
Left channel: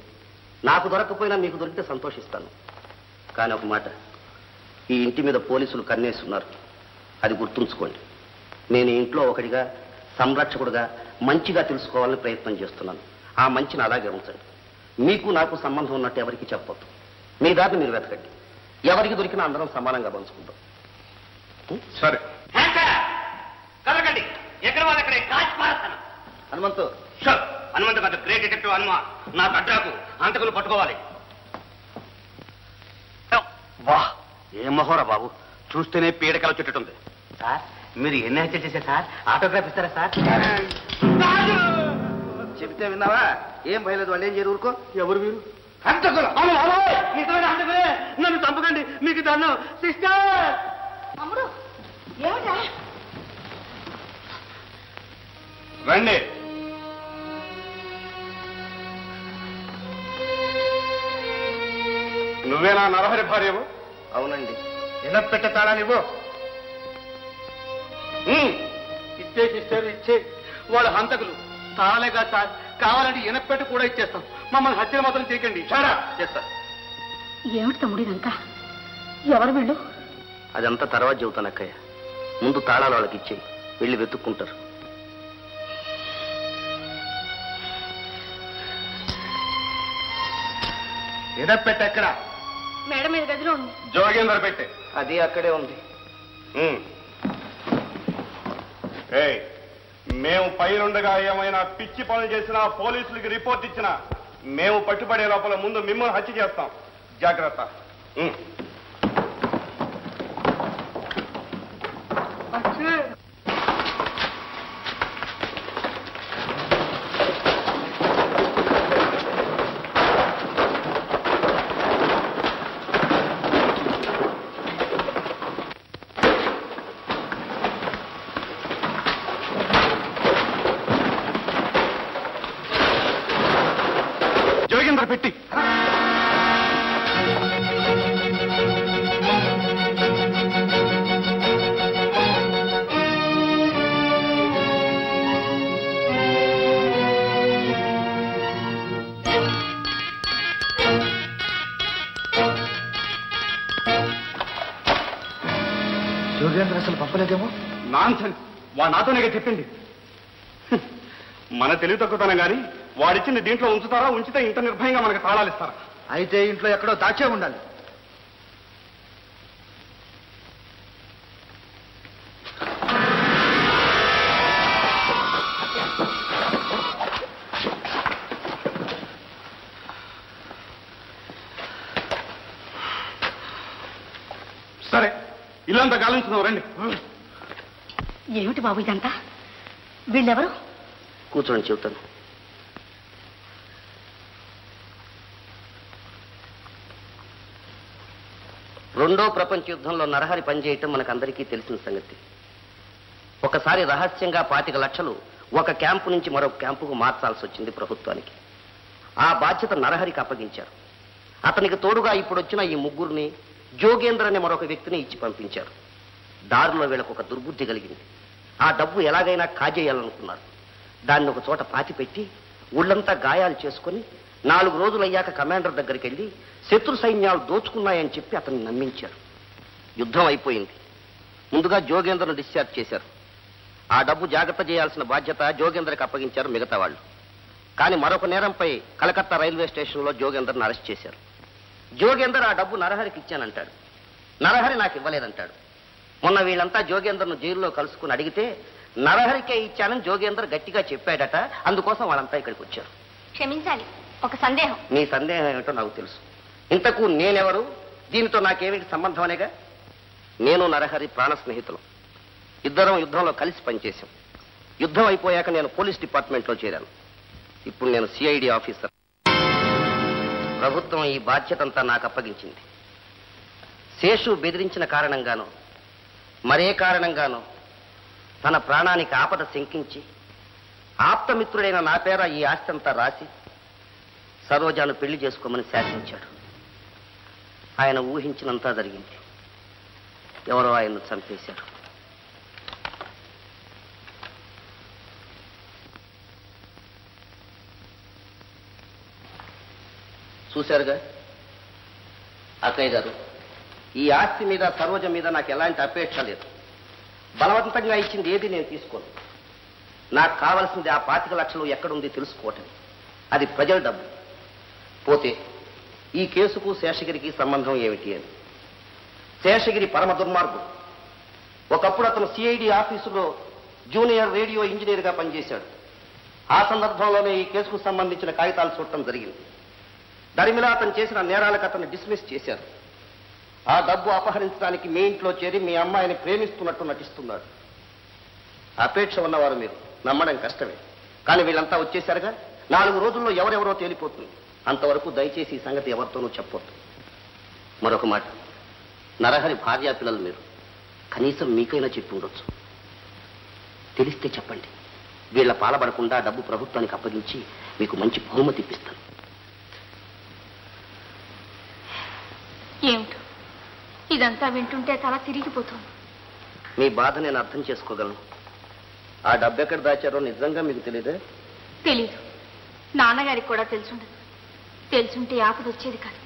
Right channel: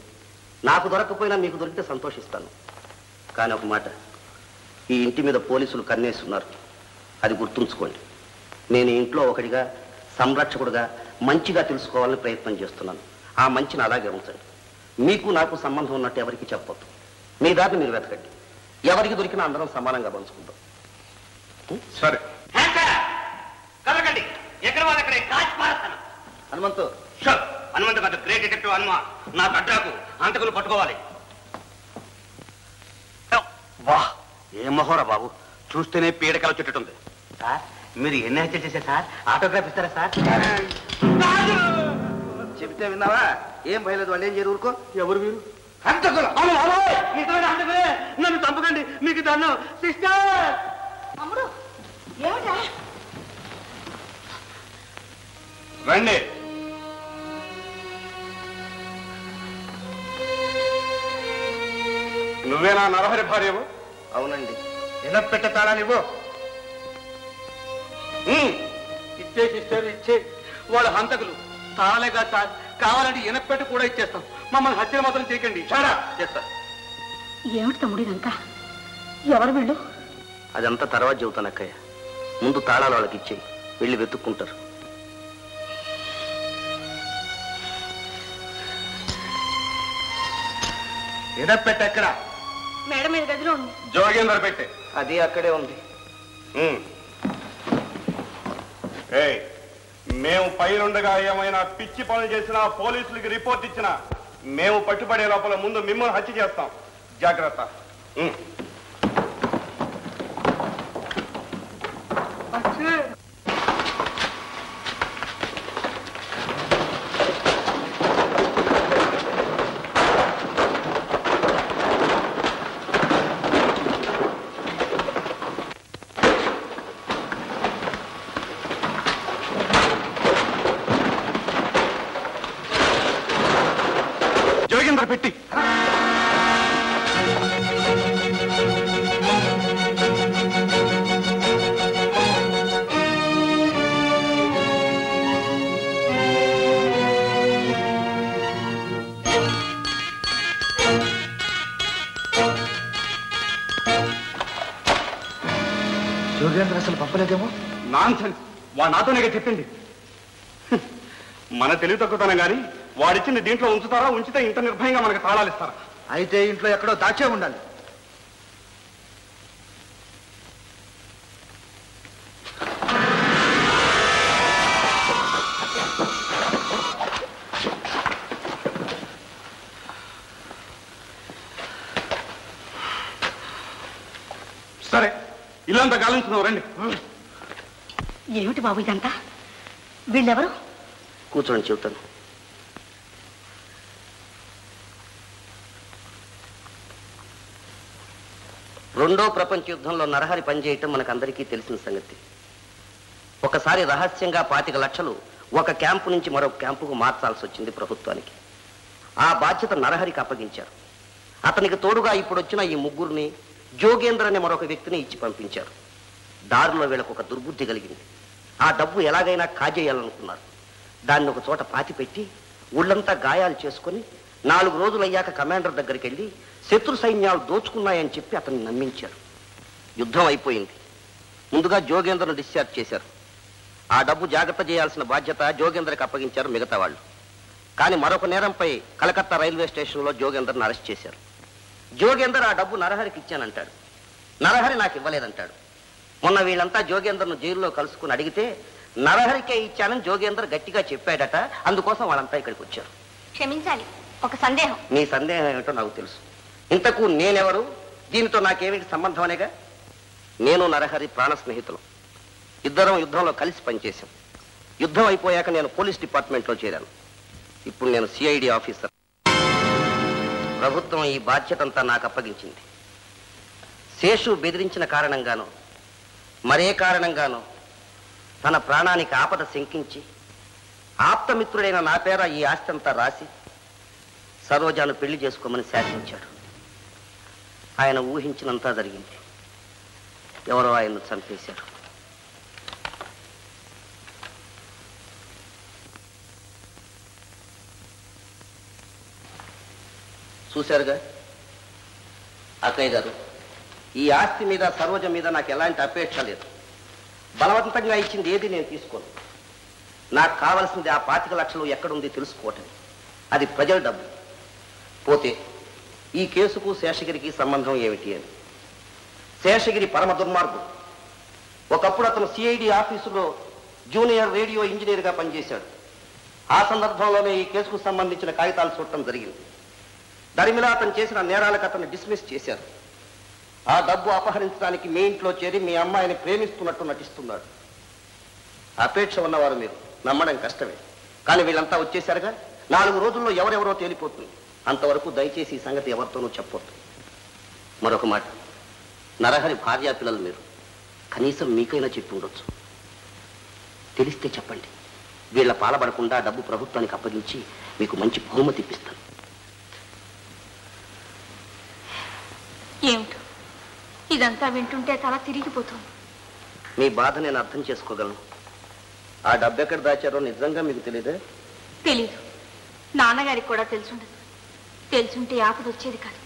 నాకు దొరకపోయినా మీకు దొరికితే సంతోషిస్తాను. కానీ ఒక మాట, ఈ ఇంటి మీద పోలీసులు కన్నేస్తున్నారు. అది గుర్తుంచుకోండి. నేను ఇంట్లో ఒకటిగా, సంరక్షకుడుగా మంచిగా తెలుసుకోవాలని ప్రయత్నం చేస్తున్నాను. ఆ మంచిని అలాగే ఉంచండి. మీకు నాకు సంబంధం ఉన్నట్టు ఎవరికి చెప్పొద్దు. మీ దారిని మీరు వెతకండి. ఎవరికి దొరికినా అందరం సమానంగా పంచుకుందాం. సరే. కదలకండి, ఎక్కడ వాళ్ళు అక్కడే కాచి పారేస్తాను. హనుమంతు. హనుమంతు కాదు, గ్రేట్ డిటెక్టివ్ హనుమ. నాకు అడ్డాకు అంతకులు పట్టుకోవాలి. వా, ఏ మహోరా బాబు, చూస్తేనే పీడకల చుట్టుంది. సార్, మీరు ఎన్ని హత్యలు చేశారు సార్? ఆటోగ్రాఫ్ ఇస్తారా సార్? చెబితే విన్నావా? ఏం భయలేదు. వాళ్ళు ఏం చేయరు. ఊరుకో. ఎవరు మీరు? హంతకులు. నన్ను చంపకండి, మీకు దండం. సిస్టర్, అమ్ముడు, ఏమిటా? నువ్వేనా నరహరి భార్యవు? అవునండి. ఇనపెట్ట తాళానివ్వు. ఇచ్చేసి ఇచ్చే వాళ్ళు హంతకులు. తాళలేగా సార్, కావాలంటే ఇనపెట్ట కూడా ఇచ్చేస్తాం. మమ్మల్ని హత్య మాత్రం చేయకండి. చేస్తా. ఏమిటి తమ్ముడు ఇదంతా? ఎవరు వీళ్ళు? అదంతా తర్వాత చెబుతాను అక్కయ్య. ముందు తాళాలు వాళ్ళకి ఇచ్చేయి, వెళ్ళి వెతుక్కుంటారు. ఇనపెట్ట ఎక్కడ? మేడ మీద గదిలో ఉంది. జోగేంద్ర పెట్టే. అది అక్కడే ఉంది. మేము పైనుండగా ఏమైనా పిచ్చి పనులు చేసినా, పోలీసులకి రిపోర్ట్ ఇచ్చినా మేము పట్టుబడే లోపల ముందు మిమ్మల్ని హత్య చేస్తాం. జాగ్రత్త. జోగేంద్ర పెట్టి. జోగేంద్ర అసలు పంపలేదేమో. నాన్సెన్స్. వాడు నాతోనే చెప్పింది. మన తెలివి తక్కువతనం గాని వాడిచ్చింది దీంట్లో ఉంచుతారా? ఉంచితే ఇంత నిర్భయంగా మనకు తాళాలు ఇస్తారా? అయితే ఇంట్లో ఎక్కడో దాచే ఉండాలి. సరే, ఇల్లంతా గాలించుకున్నాం, రండి. ఏమిటి బాబు ఇదంతా? వీళ్ళెవరు? కూర్చోండి, చెబుతాను. రెండో ప్రపంచ యుద్ధంలో నరహరి పనిచేయటం మనకందరికీ తెలిసిన సంగతి. ఒకసారి రహస్యంగా 25 లక్షలు ఒక క్యాంపు నుంచి మరొక క్యాంపుకు మార్చాల్సి వచ్చింది ప్రభుత్వానికి. ఆ బాధ్యత నరహరికి అప్పగించారు. అతనికి తోడుగా ఇప్పుడు వచ్చిన ఈ ముగ్గురిని, జోగేంద్ర అనే మరొక వ్యక్తిని ఇచ్చి పంపించారు. దారిలో వీళ్ళకు ఒక దుర్బుద్ధి కలిగింది. ఆ డబ్బు ఎలాగైనా కాజేయాలనుకున్నారు. దాన్ని ఒక చోట పాతిపెట్టి ఊళ్ళంతా గాయాలు చేసుకుని 4 రోజులయ్యాక కమాండర్ దగ్గరికి వెళ్ళి శత్రు సైన్యాలు దోచుకున్నాయని చెప్పి అతన్ని నమ్మించారు. యుద్ధం అయిపోయింది. ముందుగా జోగేంద్రను డిశ్చార్జ్ చేశారు. ఆ డబ్బు జాగ్రత్త చేయాల్సిన బాధ్యత జోగేంద్రకి అప్పగించారు మిగతా వాళ్ళు. కానీ మరొక నేరంపై కలకత్తా రైల్వే స్టేషన్లో జోగేంద్రను అరెస్ట్ చేశారు. జోగేందర్ ఆ డబ్బు నరహరికి ఇచ్చానంటాడు. నరహరి నాకు ఇవ్వలేదంటాడు. మొన్న వీళ్ళంతా జోగేంద్రను జైల్లో కలుసుకుని అడిగితే నరహరికే ఇచ్చానని జోగేందర్ గట్టిగా చెప్పాడట. అందుకోసం వాళ్ళంతా ఇక్కడికి వచ్చారు. క్షమించాలి, ఒక సందేహం. నీ సందేహం ఏమిటో నాకు తెలుసు. ఇంతకు నేనెవరు, దీనితో నాకేమిటి సంబంధం అనేగా? నేను నరహరి ప్రాణ స్నేహితులు. ఇద్దరం యుద్ధంలో కలిసి పనిచేశాం. యుద్ధం అయిపోయాక నేను పోలీస్ డిపార్ట్మెంట్లో చేరాను. ఇప్పుడు నేను సిఐడి ఆఫీసర్. ప్రభుత్వం ఈ బాధ్యతంతా నాకు అప్పగించింది. శేషు బెదిరించిన కారణంగానో మరే కారణంగానో తన ప్రాణానికి ఆపద శంకించి ఆప్తమిత్రుడైన నా పేర ఈ ఆస్తి అంతా రాసి సరోజాను పెళ్లి చేసుకోమని శాసించాడు. ఆయన ఊహించినంతా జరిగింది. ఎవరో ఆయన్ను చంపేశారు. చూశారుగా అక్కయ్య గారు, ఈ ఆస్తి మీద సరోజ మీద నాకు ఎలాంటి అపేక్ష లేదు. బలవంతంగా ఇచ్చింది ఏది నేను తీసుకోను. నాకు కావలసింది ఆ 25 లక్షలు ఎక్కడుంది తెలుసుకోవటం. అది ప్రజల డబ్బు. పోతే ఈ కేసుకు శేషగిరికి సంబంధం ఏమిటి అని. శేషగిరి పరమ దుర్మార్గుడు. ఒకప్పుడు అతను సిఐడి ఆఫీసులో జూనియర్ రేడియో ఇంజనీర్గా పనిచేశాడు. ఆ సందర్భంలోనే ఈ కేసుకు సంబంధించిన కాగితాలు చూడటం జరిగింది. దరిమిలా అతను చేసిన నేరాలకు అతను డిస్మిస్ చేశారు. ఆ డబ్బు అపహరించడానికి మీ ఇంట్లో చేరి మీ అమ్మాయిని ప్రేమిస్తున్నట్టు నటిస్తున్నాడు. అపేక్ష ఉన్నవారు మీరు, నమ్మడం కష్టమే. కానీ వీళ్ళంతా వచ్చేశారుగా, 4 రోజుల్లో ఎవరెవరో తేలిపోతుంది. అంతవరకు దయచేసి ఈ సంగతి ఎవరితోనూ చెప్పొద్దు. మరొక మాట, నరహరి భార్యా పిల్లలు మీరు, కనీసం మీకైనా చెప్పి ఉండొచ్చు. తెలిస్తే చెప్పండి. వీళ్ళ పాలబడకుండా డబ్బు ప్రభుత్వానికి అప్పగించి మీకు మంచి బహుమతి ఇప్పిస్తాను. ఏమిటో ఇదంతా వింటుంటే తల తిరిగిపోతుంది. మీ బాధ నేను అర్థం చేసుకోగలను. ఆ డబ్బు ఎక్కడ దాచారో నిజంగా మీకు తెలియదే? తెలీదు. నాన్నగారికి కూడా తెలుసుండదు. తెలుసుంటే ఆపద వచ్చేది కాదు.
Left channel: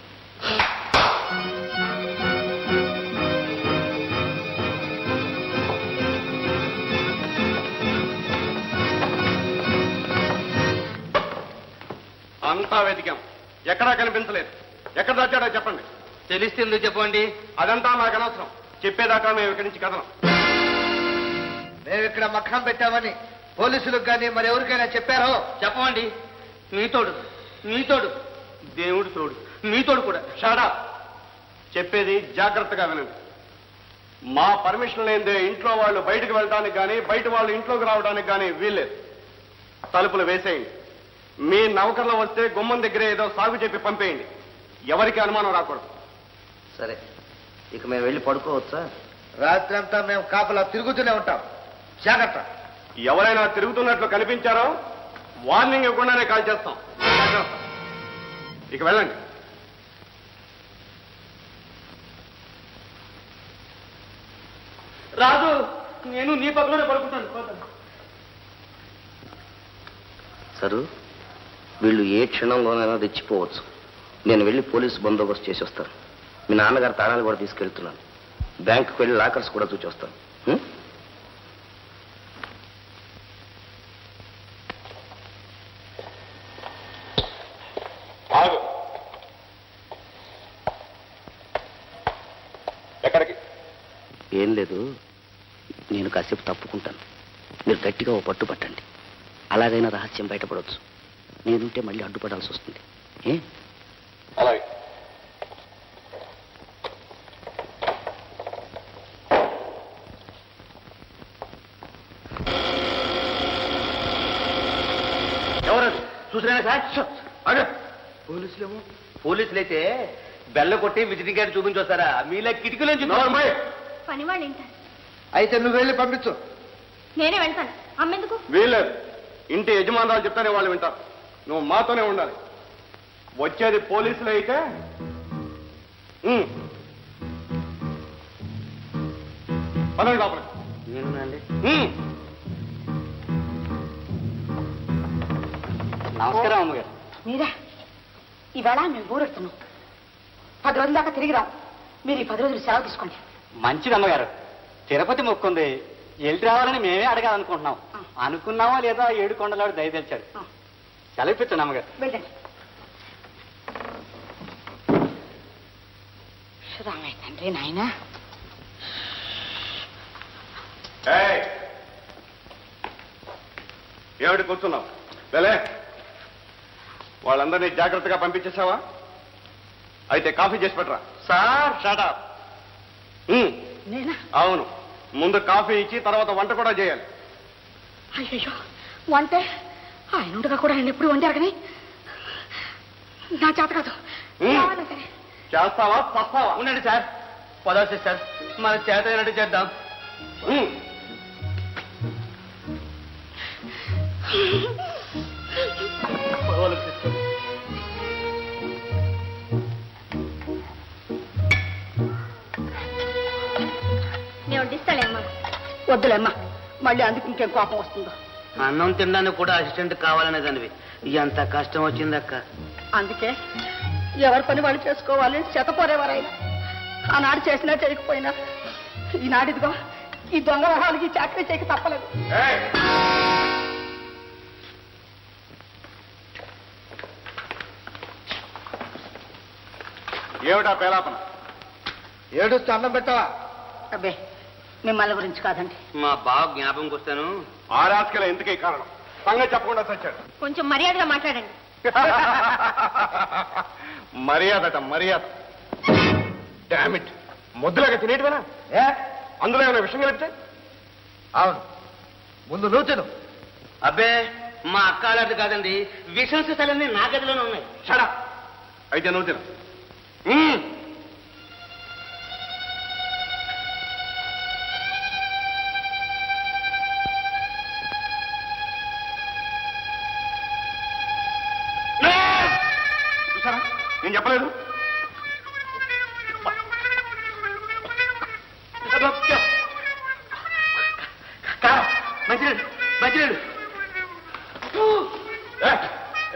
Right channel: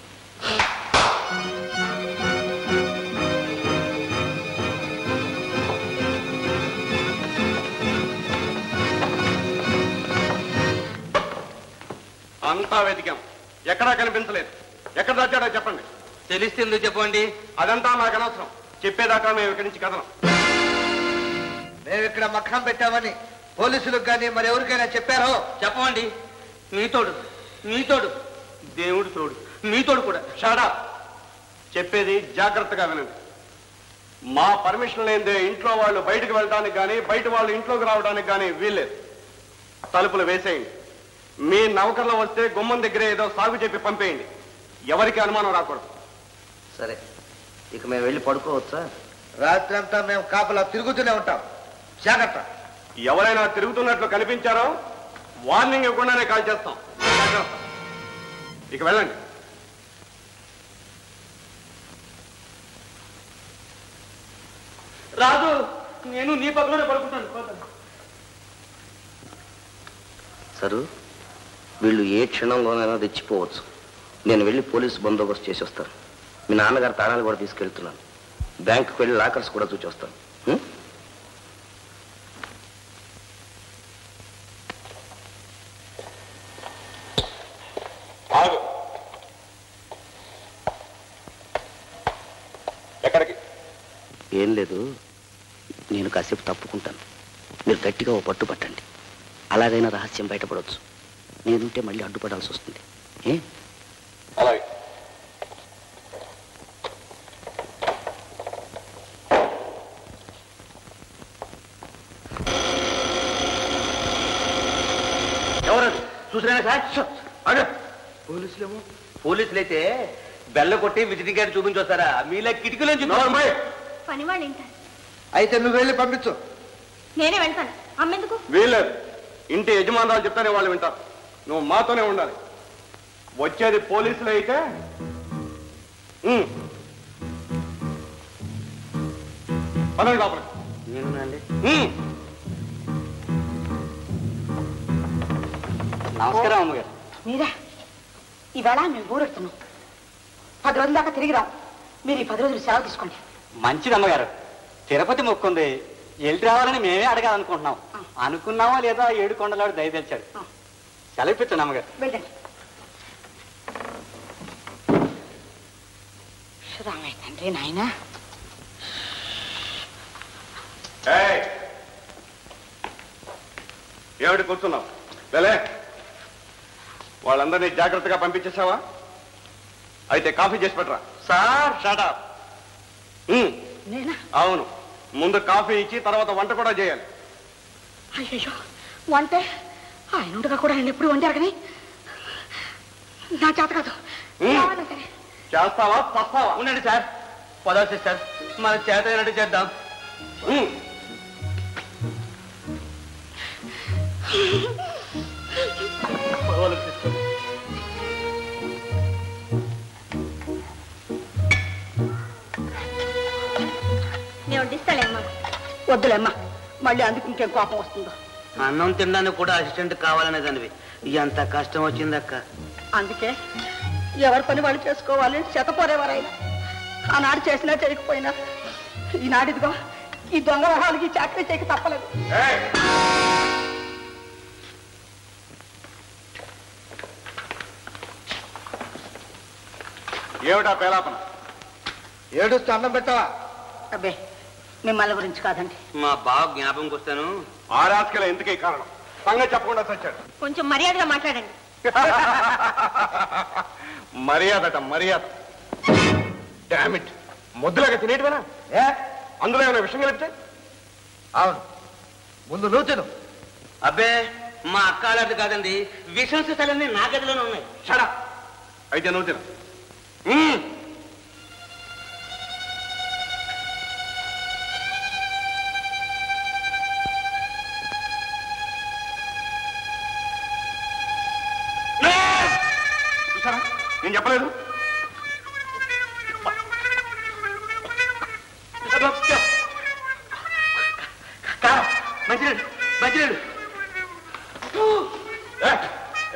అంతా వెతికాం, ఎక్కడా కనిపించలేదు. ఎక్కడ దాచాడో చెప్పండి. తెలిస్తే ఎందుకు చెప్పండి? అదంతా నాకు అనవసరం. చెప్పేదాకా మేము ఇక్కడి నుంచి కదలం. మేము ఇక్కడ మఖం పెట్టామని పోలీసులకు కానీ మరి ఎవరికైనా చెప్పారో చెప్పండి. మీతోడు మీతోడు దేవుడు తోడు, మీతోడు కూడా. షాడా, చెప్పేది జాగ్రత్తగా వినండి. మా పర్మిషన్ లేనిదే ఇంట్లో వాళ్ళు బయటకు వెళ్ళడానికి కానీ బయట వాళ్ళు ఇంట్లోకి రావడానికి కానీ వీల్లేదు. తలుపులు వేసేయండి. మీ నౌకర్లు వస్తే గుమ్మం దగ్గరే ఏదో సాగు చెప్పి పంపేయండి. ఎవరికి అనుమానం రాకూడదు. సరే, ఇక మేము వెళ్ళి పడుకోవచ్చా? రాత్రంతా మేము కాపలా తిరుగుతూనే ఉంటాం. జాగ్రత్త. ఎవరైనా తిరుగుతున్నట్లు కనిపించారో వార్నింగ్ ఇవ్వకుండానే కాల్ చేస్తాం. జాగ్రత్త. ఇక వెళ్ళండి. రాజు, నేను నీ పక్కలోనే పడుకుంటాను. సరు, వీళ్ళు ఏ క్షణంలోనైనా తెచ్చిపోవచ్చు. నేను వెళ్ళి పోలీసు బందోబస్తు చేసి వస్తాను. మీ నాన్నగారి తాళాలు కూడా తీసుకెళ్తున్నాను. బ్యాంకుకి వెళ్ళి లాకర్స్ కూడా చూసి వస్తాను. ఎక్కడికి? ఏం లేదు, నేను కాసేపు తప్పుకుంటాను. మీరు గట్టిగా ఓ పట్టు పట్టండి. అలాగైనా రహస్యం బయటపడవచ్చు. నేనుంటే మళ్ళీ అడ్డుపడాల్సి వస్తుంది. అలాగే. ఎవరది చూసినా సార్? అదే పోలీసులేమో. పోలీసులైతే బెల్ల కొట్టి విజిటింగ్ కార్డు చూపించొస్తారా? మీలా కిటికీలో పని వాళ్ళు వింటారు. అయితే నువ్వు వెళ్ళి పంపించు. నేనే వెళ్తాను. అమ్మెందుకు? వీల్లేదు. ఇంటి యజమానురాలు చెప్తానే వాళ్ళు వింటారు. నువ్వు మాతోనే ఉండాలి. వచ్చేది పోలీసులు అయితే పదండి లోపలికి. నేనునండి. నమస్కారం అమ్మగారు. మీరా? ఈవేళ మేము ఊరెడుతున్నాం. 10 రోజుల దాకా తిరిగి రావు. మీరు ఈ 10 రోజులు సెలవు తీసుకోండి. మంచిది అమ్మగారు. తిరుపతి మొక్కుంది, వెళ్ళి రావాలని మేమే అడగాలనుకుంటున్నాం. అనుకున్నావా లేదా? 7 కొండలాడు దయ తెలిచాడు. సెలవిపించండి అమ్మగారు. వెళ్ళండి. రామయ్య తండ్రి నాయన. ఏమిటి కూర్చున్నావు? వెళ్ళే. వాళ్ళందరినీ జాగ్రత్తగా పంపించేసావా? అయితే కాఫీ చేసి పెట్టరా. సార్ షాటా. నేనా? అవును, ముందు కాఫీ ఇచ్చి తర్వాత వంట కూడా చేయాలి. అయ్యో, వంటే ఆయన ఉండగా కూడా నేను ఎప్పుడు వండారు కానీ నా చేత కాదు. సరే చేస్తావా చస్తావా? ఉండండి సార్, పదాల్సి సార్, మన చేత అయినట్టు చేద్దాం. నేను వడ్డిస్తాలేమ్మా. వద్దులేమ్మా, మళ్ళీ అందుకు ఇంకేం కోపం వస్తుందో. అన్నం తినడానికి కూడా అసిస్టెంట్ కావాలనే దానివి. ఎంత కష్టం వచ్చిందక్క. అందుకే ఎవరి పని వాళ్ళు చేసుకోవాలి. శతపోరేవారైనా ఆనాడు చేసినా చేయకపోయినా ఈనాడిదిగో ఈ దొంగ వహాలకి చాకరీ చేయక తప్పలేదు. ఏమిటా పేలాపన? ఏడుస్తూ అన్నం పెట్టవా? అబ్బే, మిమ్మల్ని గురించి కాదండి. మా బావ జ్ఞాపకంకి వస్తాను. ఆరాస్కల ఎందుకే కారణం? సంగతి చెప్పకుండా చచ్చాడు. కొంచెం మర్యాదగా మాట్లాడండి. మర్యాదట మర్యాద. డామిట్, ముద్దులాగా తినేటివేనా? అందులో ఏమైనా విషయం కలిపితే? అవును, ముందు నువ్వు తిను. అబ్బే, మా అక్క అలాంటి కాదండి. విషం సీసాలన్నీ నా గదిలోనే ఉన్నాయి. షడా. అయితే నువ్వు తిను. చూసారా, నేను చెప్పలేదు. మంచినీళ్ళు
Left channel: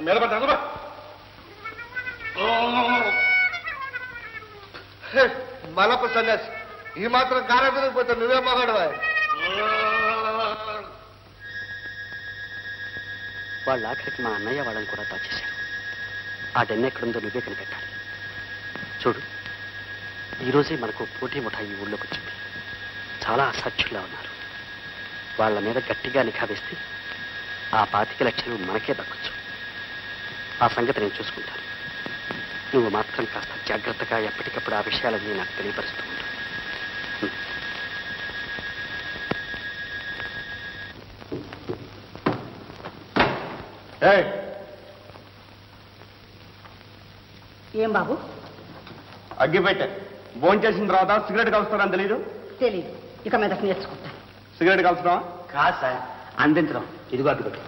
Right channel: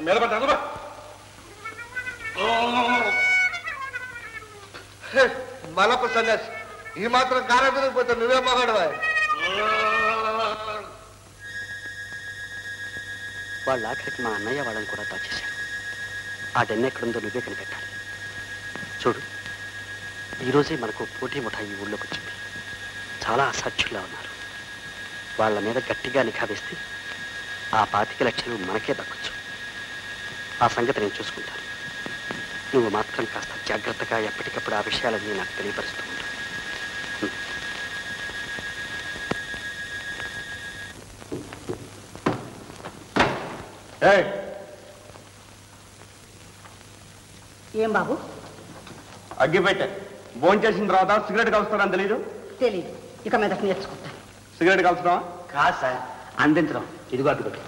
మీద పడ్డా మలపు సన్యాసి ఈ మాత్రం కారం తిరిగిపోతే నువ్వే మగాడవా వాళ్ళ ఆఖరికి మా అన్నయ్య వాళ్ళని కూడా దాచేశారు. ఆ డెన్ ఎక్కడుందో నువ్వే కనిపెట్టాలి. చూడు, ఈరోజే మనకు పోటీ ముఠా ఈ ఊళ్ళోకి వచ్చింది. చాలా అసాధ్యుల్లా ఉన్నారు. వాళ్ళ మీద గట్టిగా నిఘా వేస్తే ఆ 25 లక్షలు మనకే దక్కొచ్చు. ఆ సంగతి నేను చూసుకుంటాను. నువ్వు మాత్రం కాస్త జాగ్రత్తగా ఎప్పటికప్పుడు ఆ విషయాలన్నీ నాకు తెలియపరుస్తూ ఉంటావు. ఏం బాబు? అగ్గి పెట్టే భోంచేసిన తర్వాత సిగరెట్ కలుస్తారని తెలీదు? తెలీదు. ఇక మీద నేర్చుకుంటా. సిగరెట్ కలుస్తావా? కాదు సార్, అందించడం. ఇదిగో అగ్గి పెట్టు.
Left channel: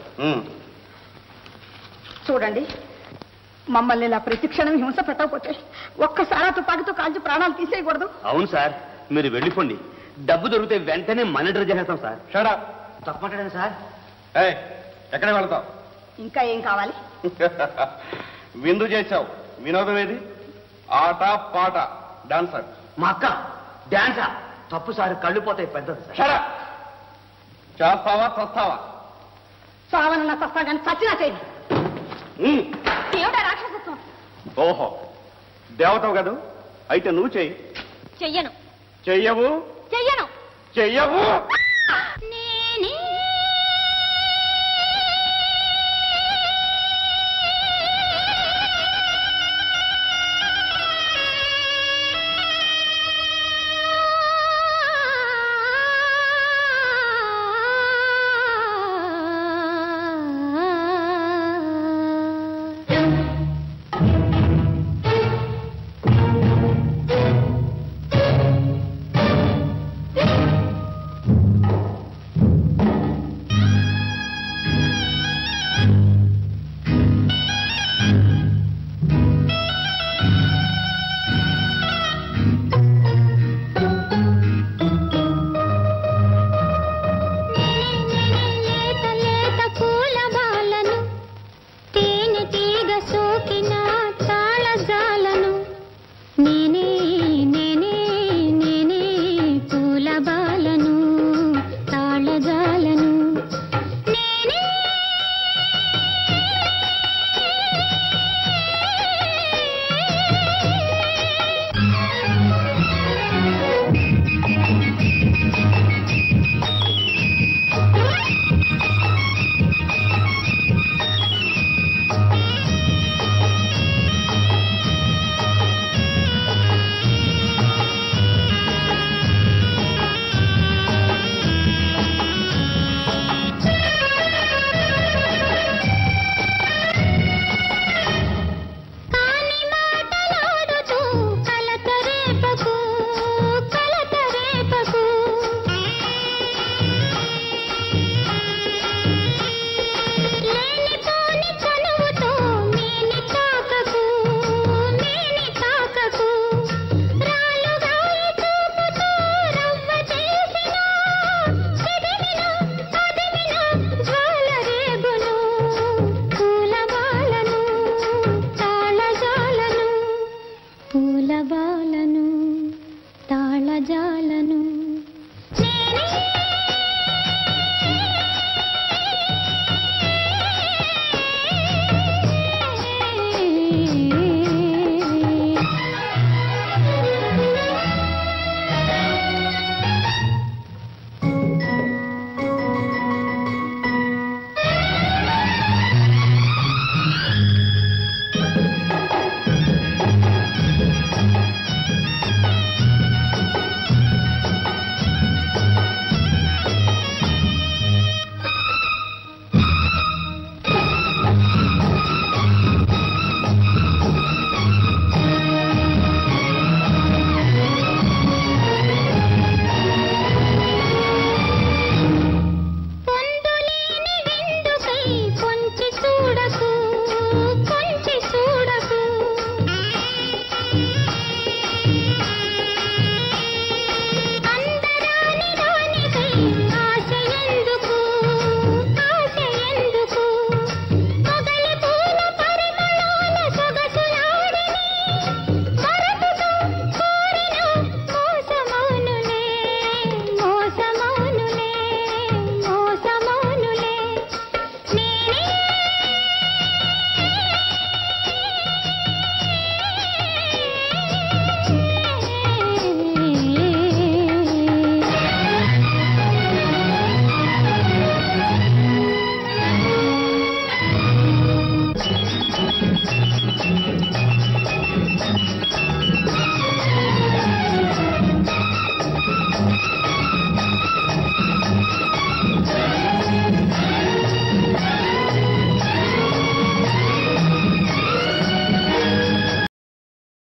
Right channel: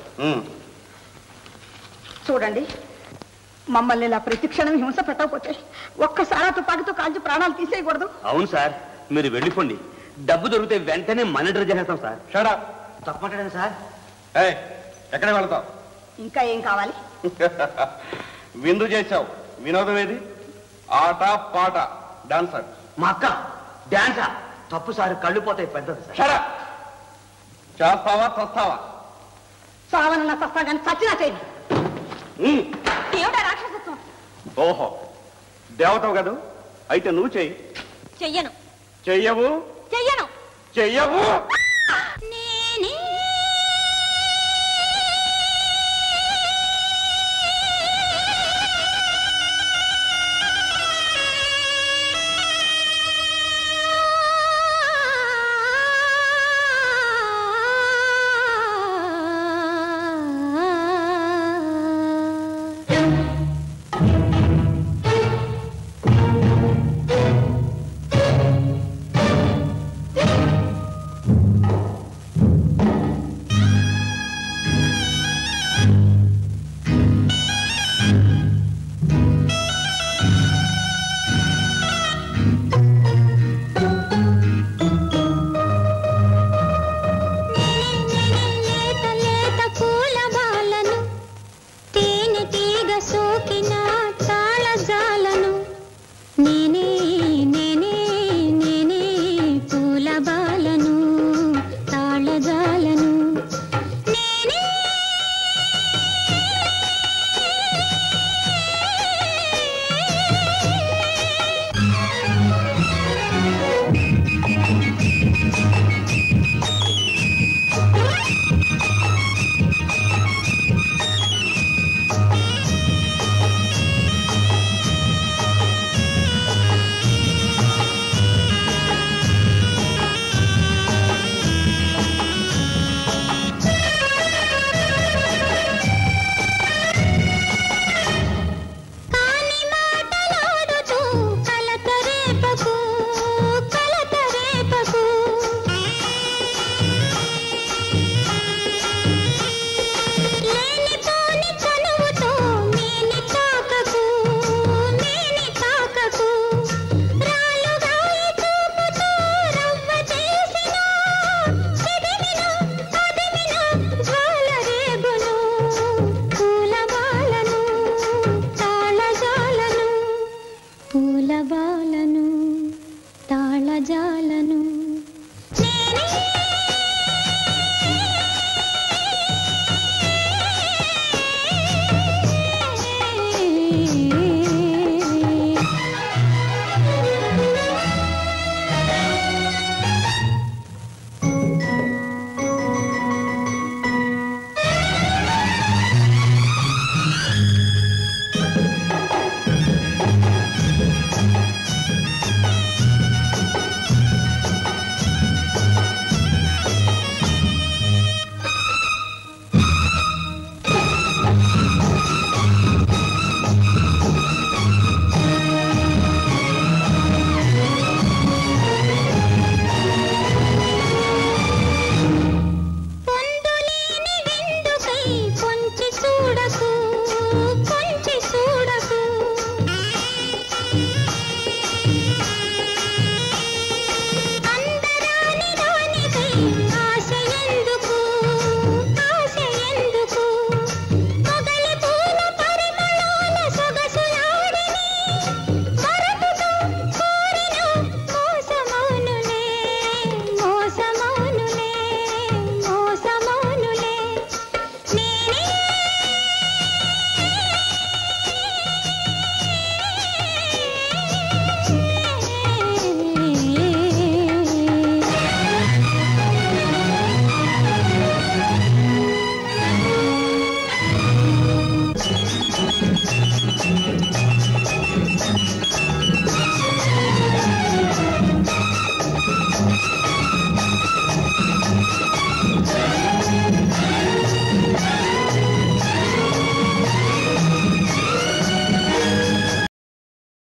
చూడండి, మమ్మల్ని ఇలా ప్రతి క్షణం హింస పెట్టకపోతే ఒక్కసారి తుపాకితో కాల్చి ప్రాణాలు తీసేయకూడదు. అవును సార్, మీరు వెళ్ళిపోండి. డబ్బు దొరికితే వెంటనే మనీ డ్రెస్ చేసేస్తాం సార్. షడా తప్పమాటండి సార్. ఎక్కడ వెళ్తావు? ఇంకా ఏం కావాలి? విందు చేశావు, వినోదం ఏది? ఆట పాట డాన్సర్. మా అక్క డాన్సా? తప్పు సార్, కళ్ళు పోతాయి పెద్దది సార్. షడా చేస్తావా చస్తావా? చావనన్నా చస్తా కానీ చచ్చినా చేయండి. ఏమిటా రాక్షసత్వం? ఓహో, దేవతవు కదా, అయితే నువ్వు చెయ్యి. చెయ్యను. చెయ్యవు? చెయ్యను. చెయ్యవు?